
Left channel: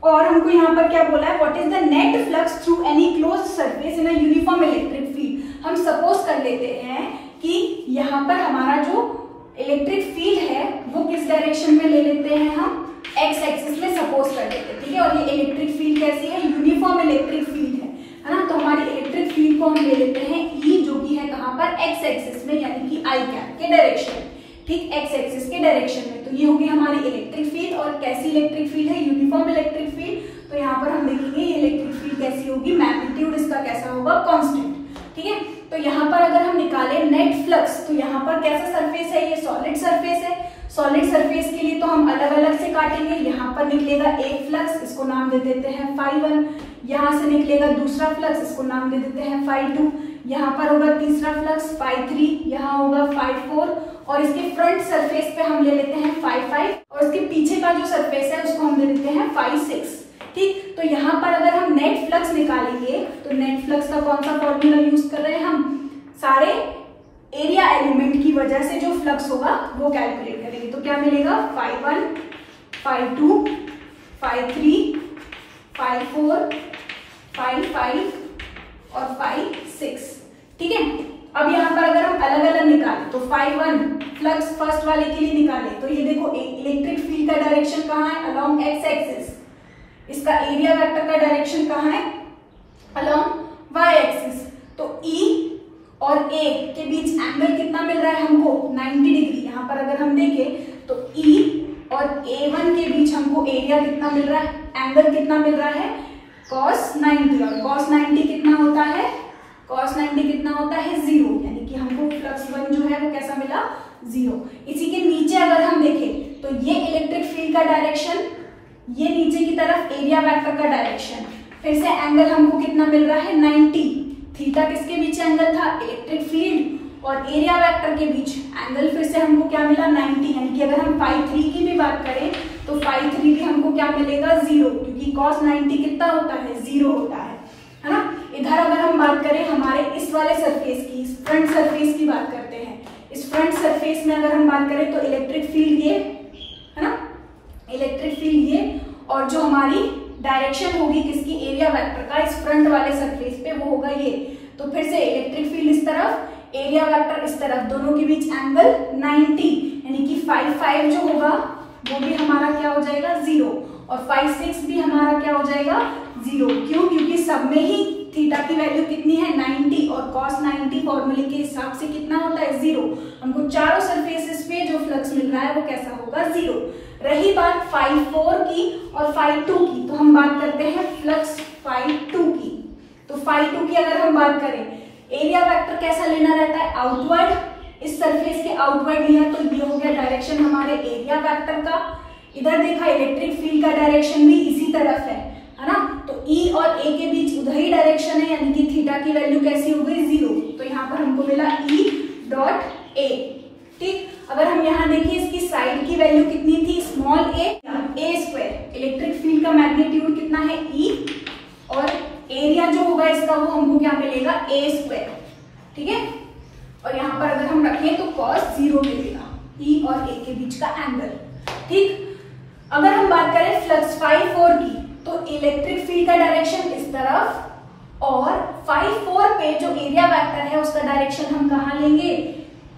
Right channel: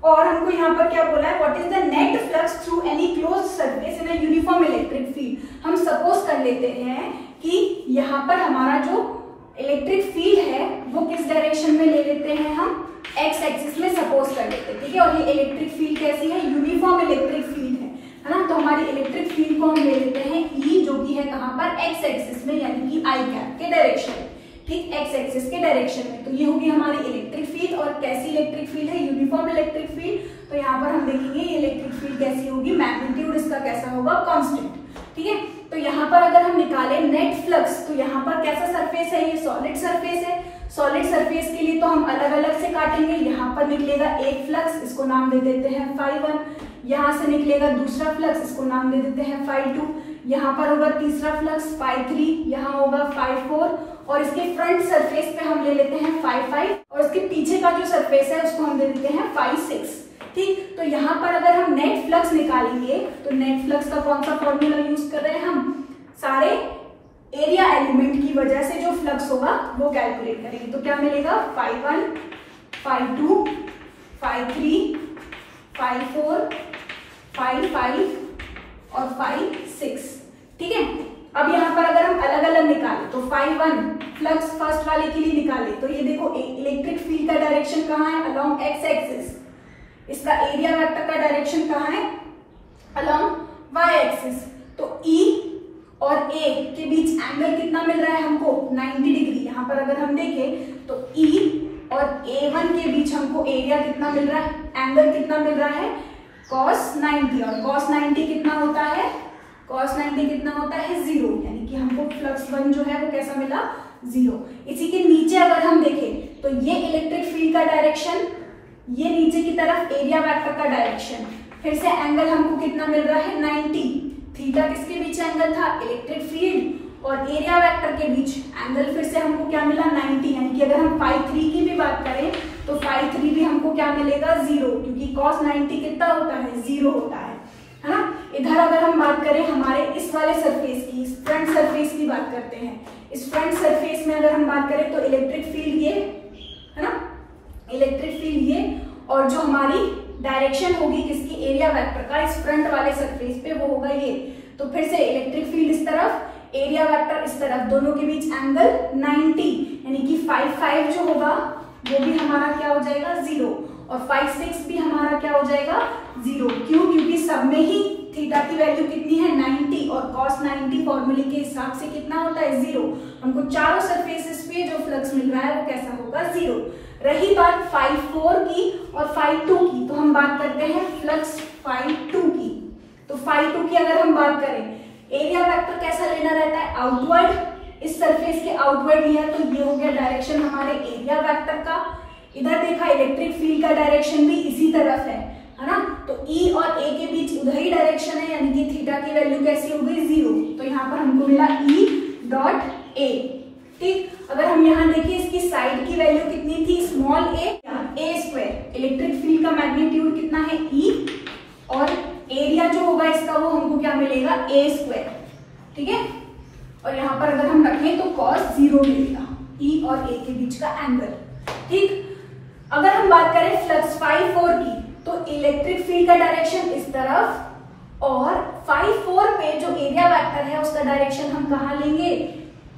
और हमको यहाँ पर क्या बोला है, what is the net flux through any close surface in a uniform electric field. हम सपोज कर लेते हैं कि यहाँ पर हमारा जो इलेक्ट्रिक फील्ड है वो किस डायरेक्शन में ले लेते हैं, हम एक्स एक्सिस में सपोज कर लेते हैं, ठीक है, और ये इलेक्ट्रिक फील्ड कैसी है, यूनिफॉर्म इलेक्ट्रिक फील्ड है ना। तो हमारी इलेक्ट्रिक फील्ड को हम ले लेते हैं ई, जो कि है कहाँ पर, एक्स एक्सिस में, यानी कि आई कैप के डायरेक्शन में, ठीक, एक्स एक्सिस के डायरेक्शन में। तो ये होगी हमारी इलेक्ट्रिक फील्ड, और कैसी इलेक्ट्रिक फील्ड है, यूनिफॉर्म इलेक्ट्रिक फील्ड। तो यहाँ पर हम देखेंगे ये इलेक्ट्रिक फील्ड कैसी होगी, मैग्नीट्यूड इसका कैसा होगा, कांस्टेंट, ठीक है। तो यहाँ पर अगर हम निकाले नेट फ्लक्स, तो यहाँ पर कैसा सरफेस है, ये सॉलिड सरफेस है। सॉलिड सरफेस के लिए तो हम अलग अलग से काटेंगे। यहाँ पर निकलेगा एक फ्लक्स, इसको नाम दे देते हैं φ1, यहाँ से निकलेगा दूसरा फ्लक्स, इसको नाम दे देते हैं φ2, यहाँ पर होगा तीसरा फ्लक्स φ3, यहाँ होगा φ4, और इसके फ्रंट सरफेस पे हम ले लेते हैं φ5, और इसके पीछे का जो सरफेस है उसको हम दे देते हैं φ6, ठीक। तो यहाँ पर अगर हम नेट फ्लक्स निकालेंगे तो नेट फ्लक्स का कौन सा फॉर्मूला यूज कर रहे हैं हम, सारे एरिया एलिमेंट की वजह से जो फ्लक्स होगा वो कैलकुलेट करेंगे। तो क्या मिलेगा, φ1, φ2, φ3, φ4, φ5 और φ6, ठीक है। अब यहाँ पर अगर हम अलग अलग निकालें तो φ1 फ्लक्स फर्स्ट वाले के लिए निकाले तो ये देखो इलेक्ट्रिक फील्ड का डायरेक्शन कहाँ है, अलोंग एक्स एक्सिस। इसका एरिया वेक्टर का डायरेक्शन कहाँ है, अलोंग वाई एक्सिस। तो ई और ए के बीच एंगल कितना मिल रहा है हमको, 90 डिग्री। यहाँ पर अगर हम देखें तो ई और A1 के बीच हमको एरिया कितना मिल रहा है, एंगल कितना मिल रहा है, cos 90, और cos 90 कितना होता है, cos 90 कितना होता है, 0, यानी कि हमको फ्लक्स 1 जो है वो कैसा मिला, 0। इसी के नीचे अगर हम देखें तो ये इलेक्ट्रिक फील्ड का डायरेक्शन, ये नीचे की तरफ एरिया वेक्टर का डायरेक्शन, फिर से एंगल हमको कितना मिल रहा है, 90। थीटा किसके बीच एंगल था, इलेक्ट्रिक फील्ड और एरिया वेक्टर के बीच एंगल, फिर से हमको क्या मिला, 90। यानी कि अगर हम φ3 की भी बात करें तो φ3 भी हमको क्या मिलेगा, 0, क्योंकि cos 90 कितना होता है, 0 होता है ना। इधर अगर हम बात करें हमारे इस वाले सरफेस की, इस फ्रंट सरफेस की बात करते हैं। इस फ्रंट सरफेस में अगर हम बात करें तो इलेक्ट्रिक फील्ड ये है ना, इलेक्ट्रिक फील्ड ये, और जो हमारी डायरेक्शन होगी किसकी, एरिया वेक्टर का, इस फ्रंट वाले सरफेस पे वो होगा ये। तो फिर से इलेक्ट्रिक फील्ड इस तरफ, एरिया वेक्टर इस तरफ, दोनों के बीच एंगल 90, यानी कि φ5 जो होगा वो भी हमारा क्या हो जाएगा, 0, और φ6 भी हमारा क्या हो जाएगा, 0। क्यों, क्योंकि सब में ही थीटा की वैल्यू कितनी है, 90, और cos 90 फॉर्मूले के हिसाब से कितना होता है, 0। हमको चारों सरफेसेस पे जो फ्लक्स मिल रहा है वो कैसा होगा, 0। रही बात φ4 की और φ2 की, तो हम बात करते हैं फ्लक्स φ2 की। तो φ2 की अगर हम बात करें, एरिया वेक्टर कैसा लेना रहता है, आउटवर्ड, इस सरफेस के आउटवर्ड लिया तो ये हो गया डायरेक्शन हमारे एरिया वेक्टर का। इधर देखा इलेक्ट्रिक फील्ड का डायरेक्शन भी इसी तरफ है ना। तो ई और ए के बीच उधर ही डायरेक्शन है, यानी कि थीटा की वैल्यू कैसी हो गई, 0। तो यहाँ पर हमको मिला ई डॉट ए, ठीक। अगर हम यहाँ देखिए इसकी साइड की वैल्यू कितनी थी, स्मॉल ए स्क्वायर। इलेक्ट्रिक फील्ड का मैग्नीट्यूड कितना है, ई, और एरिया जो होगा इसका वो हमको क्या मिलेगा, ए स्क्वायर, ठीक है। और यहाँ पर अगर हम रखें तो cos 0 मिलेगा, ई और ए के बीच का एंगल, ठीक। अगर हम बात करें फ्लक्स φ4 की, तो इलेक्ट्रिक फील्ड का डायरेक्शन इस तरफ, और φ4 पे जो एरिया वेक्टर है उसका डायरेक्शन हम कहाँ लेंगे,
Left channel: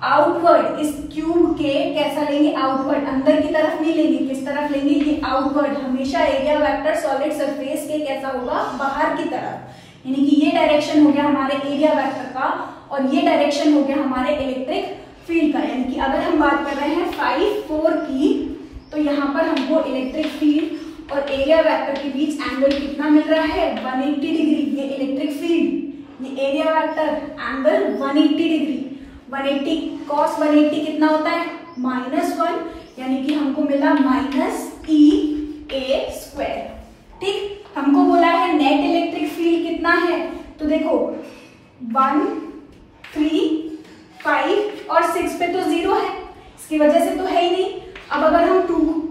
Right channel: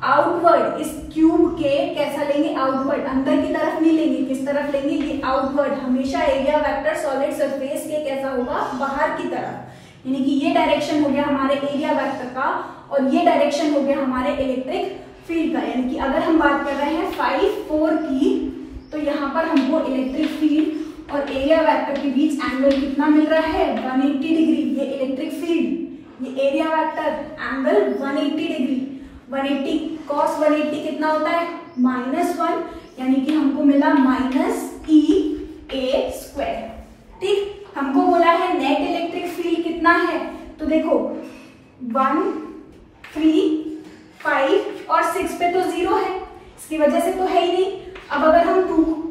आउटवर्ड। इस क्यूब के कैसा लेंगे, आउटवर्ड, अंदर की तरफ नहीं लेंगे, किस तरफ लेंगे, ये आउटवर्ड। हमेशा एरिया वेक्टर सॉलिड सरफेस के कैसा होगा, बाहर की तरफ, यानी कि ये डायरेक्शन हो गया हमारे एरिया वेक्टर का, और ये डायरेक्शन हो गया हमारे इलेक्ट्रिक फील्ड का। यानी कि अगर हम बात कर रहे हैं φ4 की, तो यहाँ पर हमको इलेक्ट्रिक फील्ड और एरिया वेक्टर के बीच एंगल कितना मिल रहा है, 180 डिग्री। ये इलेक्ट्रिक फील्ड, ये area vector, angle 180 degree. 180 cos 180 कितना होता है, -1, यानी कि हमको मिला -EA स्क्वायर, ठीक। हमको बोला है नेट इलेक्ट्रिक फील्ड कितना है, तो देखो 1 3, 5 और 6 पे तो 0 है, इसकी वजह से तो है ही नहीं। अब अगर हम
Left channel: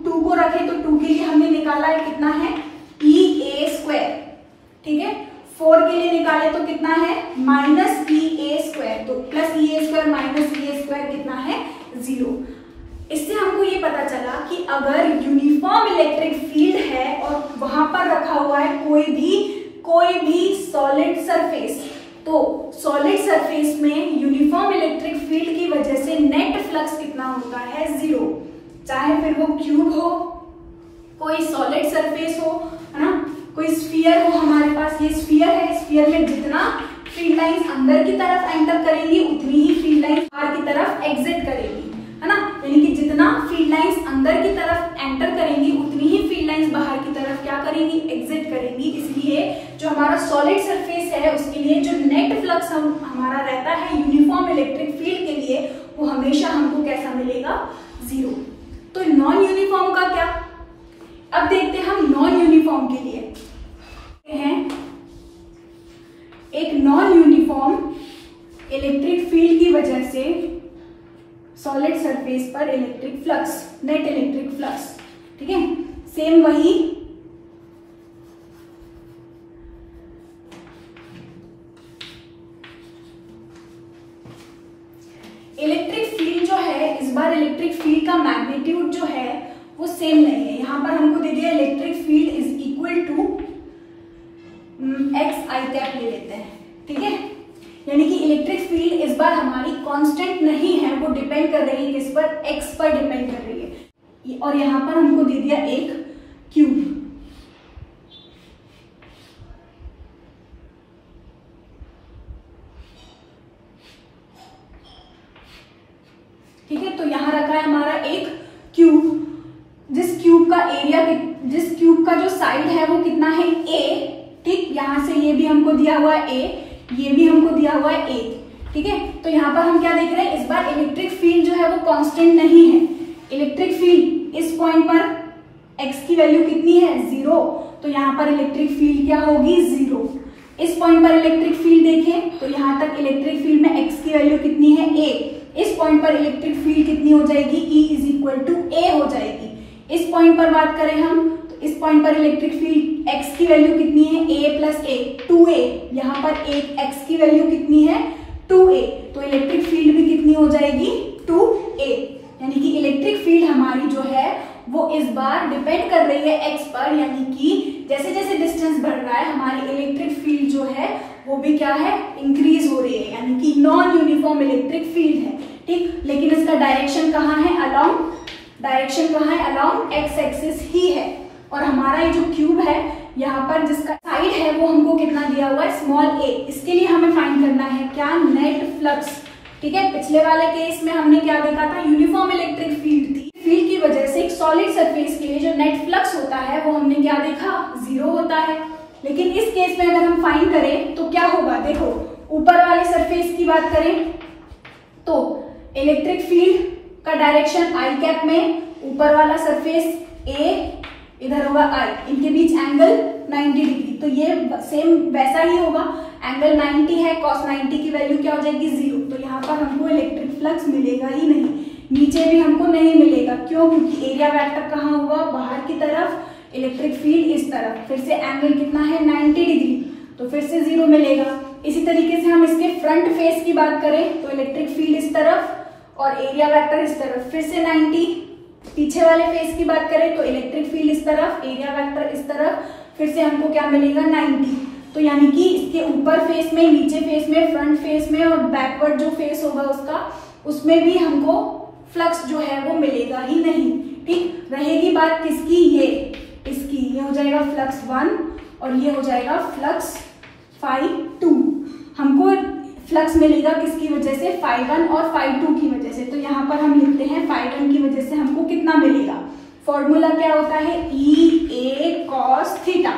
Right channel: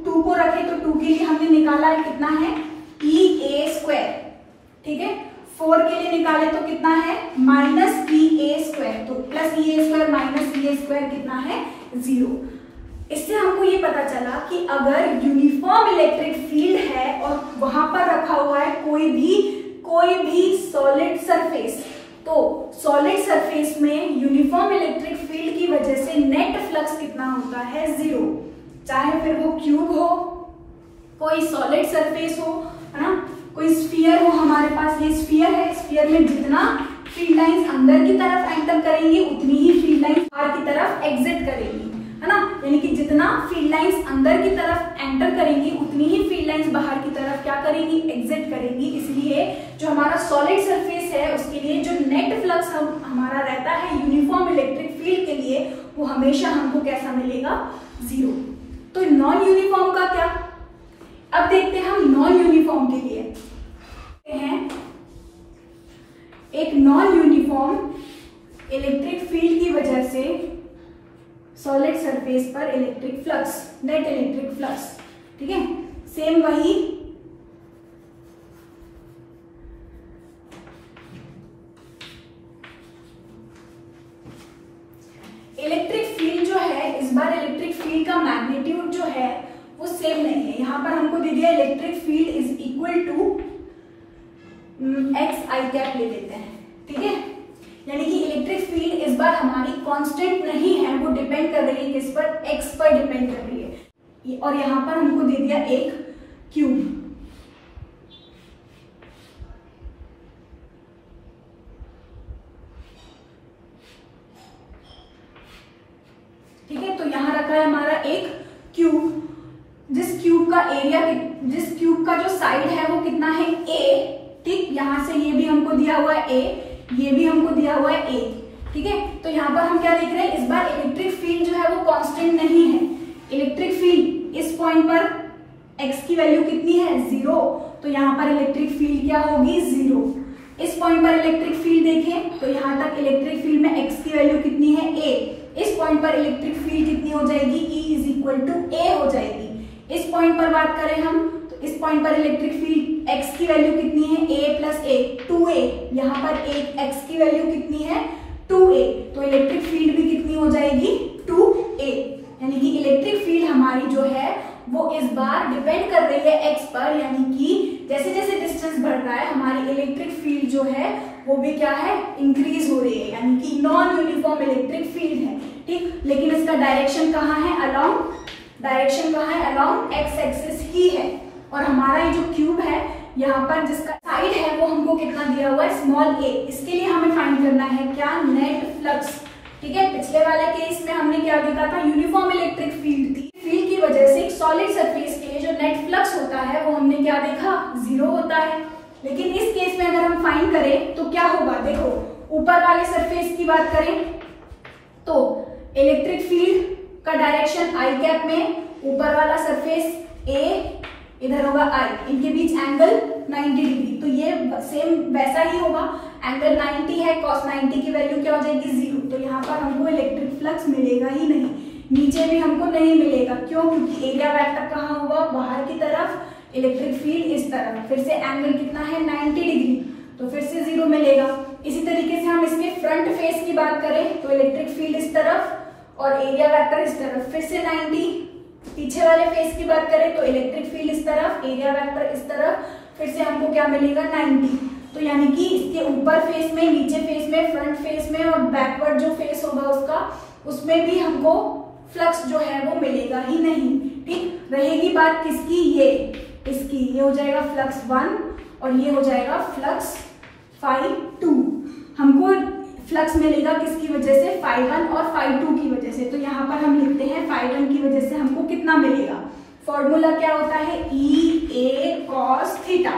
2 को रखें तो 2 के लिए हमने निकाला है कितना है EA², ठीक है। 4 के लिए निकाले तो कितना है -EA², तो +EA² माइनस EA² कितना है 0। इससे हमको ये पता चला कि अगर यूनिफॉर्म इलेक्ट्रिक फील्ड है और वहां पर रखा हुआ है कोई भी सॉलिड सरफेस, तो सॉलिड सरफेस में यूनिफॉर्म इलेक्ट्रिक फील्ड की वजह से नेट फ्लक्स कितना होता है 0। चाहे फिर वो क्यूब हो, कोई सॉलिड सरफेस हो, है ना, कोई स्फीयर हो, हमारे पास ये स्फीयर है, स्फीयर में जितना फील्ड लाइंस अंदर की तरफ एंटर करेंगी उतनी ही फील्ड लाइंस बाहर की तरफ एग्जिट करेंगी, है ना। यानी कि जितना फील्ड लाइंस अंदर की तरफ एंटर करेंगी उतनी ही फील्ड लाइंस बाहर की तरफ क्या करेंगी एग्जिट करेंगी। इसलिए जो हमारा सॉलिड सरफेस है उसके लिए जो नेट फ्लक्स हमारा रहता है यूनिफॉर्म इलेक्ट्रिक फील्ड के लिए वो हमेशा हमको कैसा मिलेगा 0। तो नॉन यूनिफॉर्म का क्या, अब देखते हैं हम नॉन यूनिफॉर्म के लिए हैं। एक नॉन यूनिफॉर्म इलेक्ट्रिक फील्ड की वजह से सॉलिड सरफेस पर electric flux, net electric flux, ठीक है। सेम वही इलेक्ट्रिक फील्ड जो है, इस बार इलेक्ट्रिक फील्ड का मैग्नीट्यूड जो है वो सेम नहीं है। यहां पर हमको दे दिया electric field is equal to XI cap ले लेते हैं, ठीक है। यानी कि इलेक्ट्रिक फील्ड इस बार हमारी कांस्टेंट नहीं है, वो डिपेंड कर रही है किस पर, x पर डिपेंड कर रही है। और यहां पर हमको दे दिया एक क्यूब, ठीक है। तो यहां रखा है हमारा एक क्यूब, जिस क्यूब का जो साइड है वो कितना है a, ठीक। यहां से ये भी हमको दिया हुआ है a, ये भी हमको दिया हुआ है a, ठीक है। तो यहाँ पर हम क्या देख रहे हैं, इस बार इलेक्ट्रिक फील्ड जो है वो कांस्टेंट नहीं है। इलेक्ट्रिक फील्ड इस पॉइंट पर x की वैल्यू कितनी है 0, तो यहाँ पर इलेक्ट्रिक फील्ड क्या होगी 0। इस पॉइंट पर इलेक्ट्रिक फील्ड देखें तो यहाँ तक इलेक्ट्रिक फील्ड में x की वैल्यू कितनी है a, इस पॉइंट पर इलेक्ट्रिक फील्ड कितनी हो जाएगी E is equal to a हो जाएगी। इस पॉइंट पर बात करें हम तो इस पॉइंट पर इलेक्ट्रिक फील्ड x की वैल्यू कितनी है a प्लस a 2a, यहाँ पर x की वैल्यू कितनी है 2a, तो इलेक्ट्रिक फील्ड भी कितनी हो जाएगी 2a। यानी कि इलेक्ट्रिक फील्ड हमारी जो है वो इस बार डिपेंड कर रही है x पर, यानी कि जैसे जैसे डिस्टेंस बढ़ रहा है हमारी इलेक्ट्रिक फील्ड जो है वो भी क्या है इंक्रीज हो रही है, यानी कि नॉन यूनिफॉर्म इलेक्ट्रिक फील्ड है, ठीक। लेकिन इसका डायरेक्शन कहाँ है, अलोंग x एक्सिस ही है। और हमारा ये जो क्यूब है यहाँ पर जिसका साइड है वो हमको कितना दिया हुआ है स्मॉल a, इसके लिए हमें फाइंड करना है क्या नेट फ्लक्स, ठीक है। पिछले वाले केस में हमने क्या देखा था, यूनिफॉर्म इलेक्ट्रिक फील्ड थी, फील्ड की वजह से एक सॉलिड सरफेस के लिए जो नेट फ्लक्स होता है वो हमने क्या देखा 0 होता है। लेकिन इस केस में अगर हम फाइंड करें तो क्या होगा, देखो ऊपर वाले सरफेस की बात करें तो इलेक्ट्रिक फील्ड का डायरेक्शन I कैप में, ऊपर वाला सरफेस A, इधर होगा I, इनके बीच एंगल 90 डिग्री, तो ये सेम वैसा ही होगा, एंगल 90 है, cos 90 की वैल्यू क्या हो जाएगी 0। तो यहाँ पर हमको इलेक्ट्रिक फ्लक्स मिलेगा ही नहीं, नीचे भी हमको नहीं मिलेगा, क्यों, क्योंकि एरिया वेक्टर कहाँ होगा बाहर की तरफ, इलेक्ट्रिक फील्ड इस तरफ, फिर से एंगल कितना है 90 डिग्री, तो फिर से 0 मिलेगा। इसी तरीके से हम इसके फ्रंट फेस की बात करें तो इलेक्ट्रिक फील्ड इस तरफ और एरिया वेक्टर इस तरफ, फिर से 90। पीछे वाले फेस की बात करें तो इलेक्ट्रिक फील्ड इस तरफ, एरिया वेक्टर इस तरफ, फिर से हमको क्या मिलेगा 90। तो यानी कि इसके ऊपर फेस में, नीचे फेस में, फ्रंट फेस में और बैकवर्ड जो फेस होगा उसका, उसमें भी हमको फ्लक्स जो है वो मिलेगा ही नहीं, ठीक। रहेगी बात किसकी, ये इसकी, ये हो जाएगा फ्लक्स 1 और ये हो जाएगा फ्लक्स φ2। हमको फ्लक्स मिलेगा किसकी वजह से, φ1 और φ2 की वजह से। तो यहाँ पर हम लिखते हैं φ1 की वजह से हमको कितना मिलेगा, फॉर्मूला क्या होता है EA cos थीटा,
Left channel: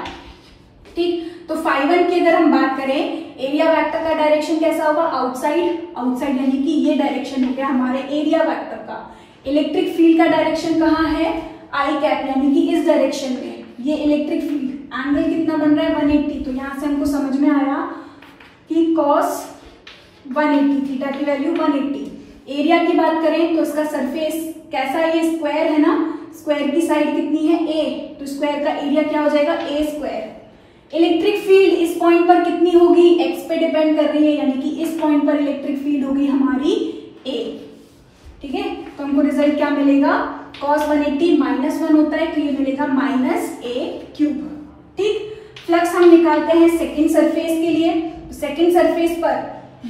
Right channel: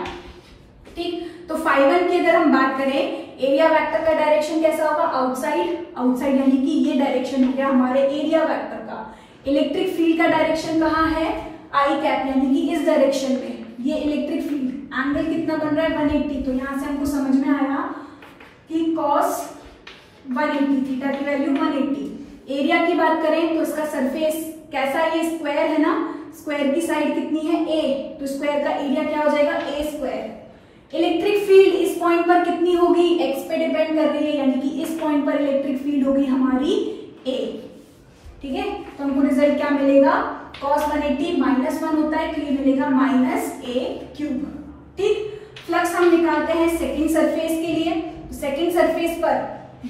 ठीक। तो φ1 की अगर हम बात करें, एरिया वेक्टर का डायरेक्शन कैसा होगा, आउटसाइड, यानी कि ये डायरेक्शन हो गया हमारे एरिया वेक्टर का। इलेक्ट्रिक फील्ड का डायरेक्शन कहाँ है I कैप, यानी कि इस डायरेक्शन में, ये इलेक्ट्रिक फील्ड, एंगल कितना बन रहा है 180। तो यहाँ से हमको समझ में आया कि cos 180, थीटा की वैल्यू 180। एरिया की बात करें तो इसका सरफेस कैसा है, ये स्क्वायर है ना, स्क्वायर की साइड कितनी है a, तो स्क्वायर का एरिया क्या हो जाएगा a स्क्वायर। इलेक्ट्रिक फील्ड इस पॉइंट पर कितनी होगी, x पे डिपेंड कर रही है, यानी कि इस पॉइंट पर इलेक्ट्रिक फील्ड होगी हमारी a। ठीक है, तो हमको रिजल्ट क्या मिलेगा, cos 180 -1 होता है तो ये मिलेगा -a³। ठीक, फ्लक्स हम निकालते हैं सेकेंड सरफेस के लिए। सेकेंड सरफेस पर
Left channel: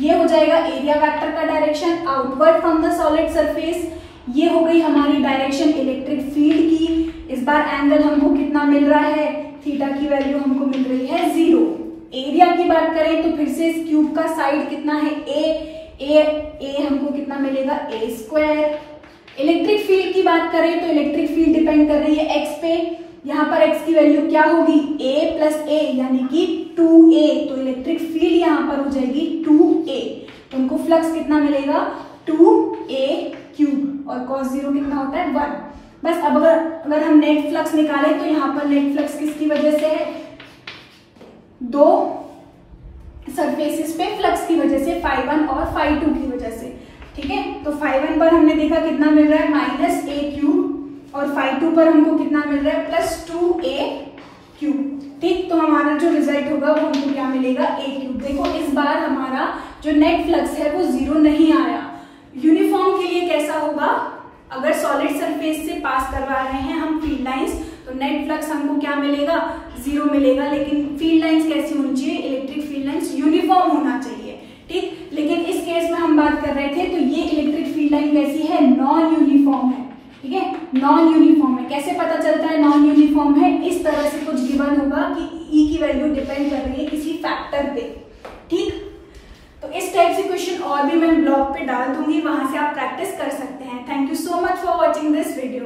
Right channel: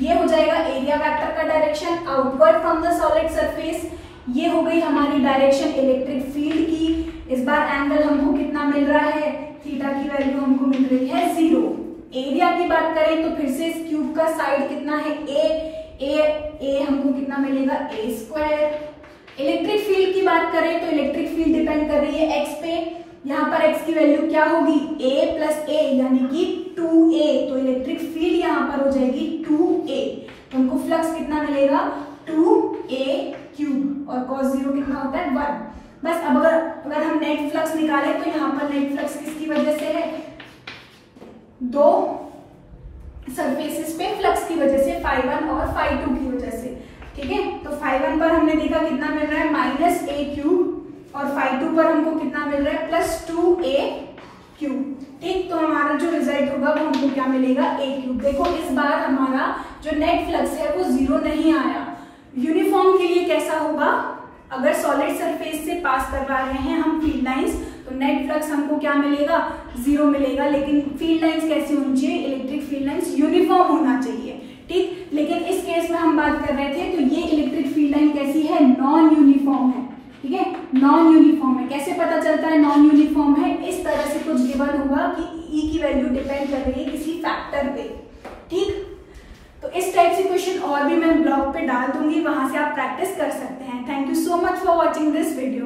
ये हो जाएगा एरिया वेक्टर का direction outward from the solid surface. ये हो गई हमारी डायरेक्शन इलेक्ट्रिक फील्ड की। इस बार एंगल हमको कितना मिल रहा है, थीटा की वैल्यू हमको मिल रही है 0। एरिया की बात करें तो फिर से इस क्यूब का साइड कितना है a हमको कितना मिलेगा a²। इलेक्ट्रिक फील्ड की बात करें तो इलेक्ट्रिक फील्ड डिपेंड कर रही है x पे, यहाँ पर x की वैल्यू क्या होगी a+a यानी कि 2a, तो इलेक्ट्रिक फील्ड यहाँ पर हो जाएगी 2a। तो हमको फ्लक्स कितना मिलेगा 2a³ और cos 0 कितना होता है 1। बस अब अगर हम नेट फ्लक्स निकालें तो यहाँ पर नेट फ्लक्स किसकी वजह से है, दो सरफेसेस पे फ्लक्स की वजह से, φ1 और φ2 की वजह से। ठीक है, तो φ1 पर हमने देखा कितना मिल रहा है -a³ और φ2 पर हमको कितना मिल रहा है +2a³। ठीक, तो हमारा जो रिजल्ट होगा वो हमको क्या मिलेगा a³। देखो इस बार हमारा जो नेट फ्लक्स है वो 0 नहीं आया। यूनिफॉर्म के लिए कैसा होगा, अगर सॉलिड सरफेस से पास करवा रहे हैं हम फील्ड लाइंस तो नेट फ्लक्स हमको क्या मिलेगा 0 मिलेगा, लेकिन फील्ड लाइंस कैसी होनी चाहिए, इलेक्ट्रिक फील्ड लाइंस यूनिफॉर्म होना चाहिए। ठीक, लेकिन इस केस में हम बात कर रहे थे तो ये इलेक्ट्रिक फील्ड लाइन कैसी है, नॉन यूनिफॉर्म है। ठीक है, नॉन यूनिफॉर्म है। कैसे पता चलता है नॉन यूनिफॉर्म है, इस तरह से कुछ गिवन होगा कि E की वैल्यू डिपेंड कर रही है किसी फैक्टर पे। ठीक, तो इस टाइप से क्वेश्चन और भी मैं ब्लॉग पे डाल दूंगी, वहां से आप प्रैक्टिस कर सकते हैं। Thank you so much for watching this video.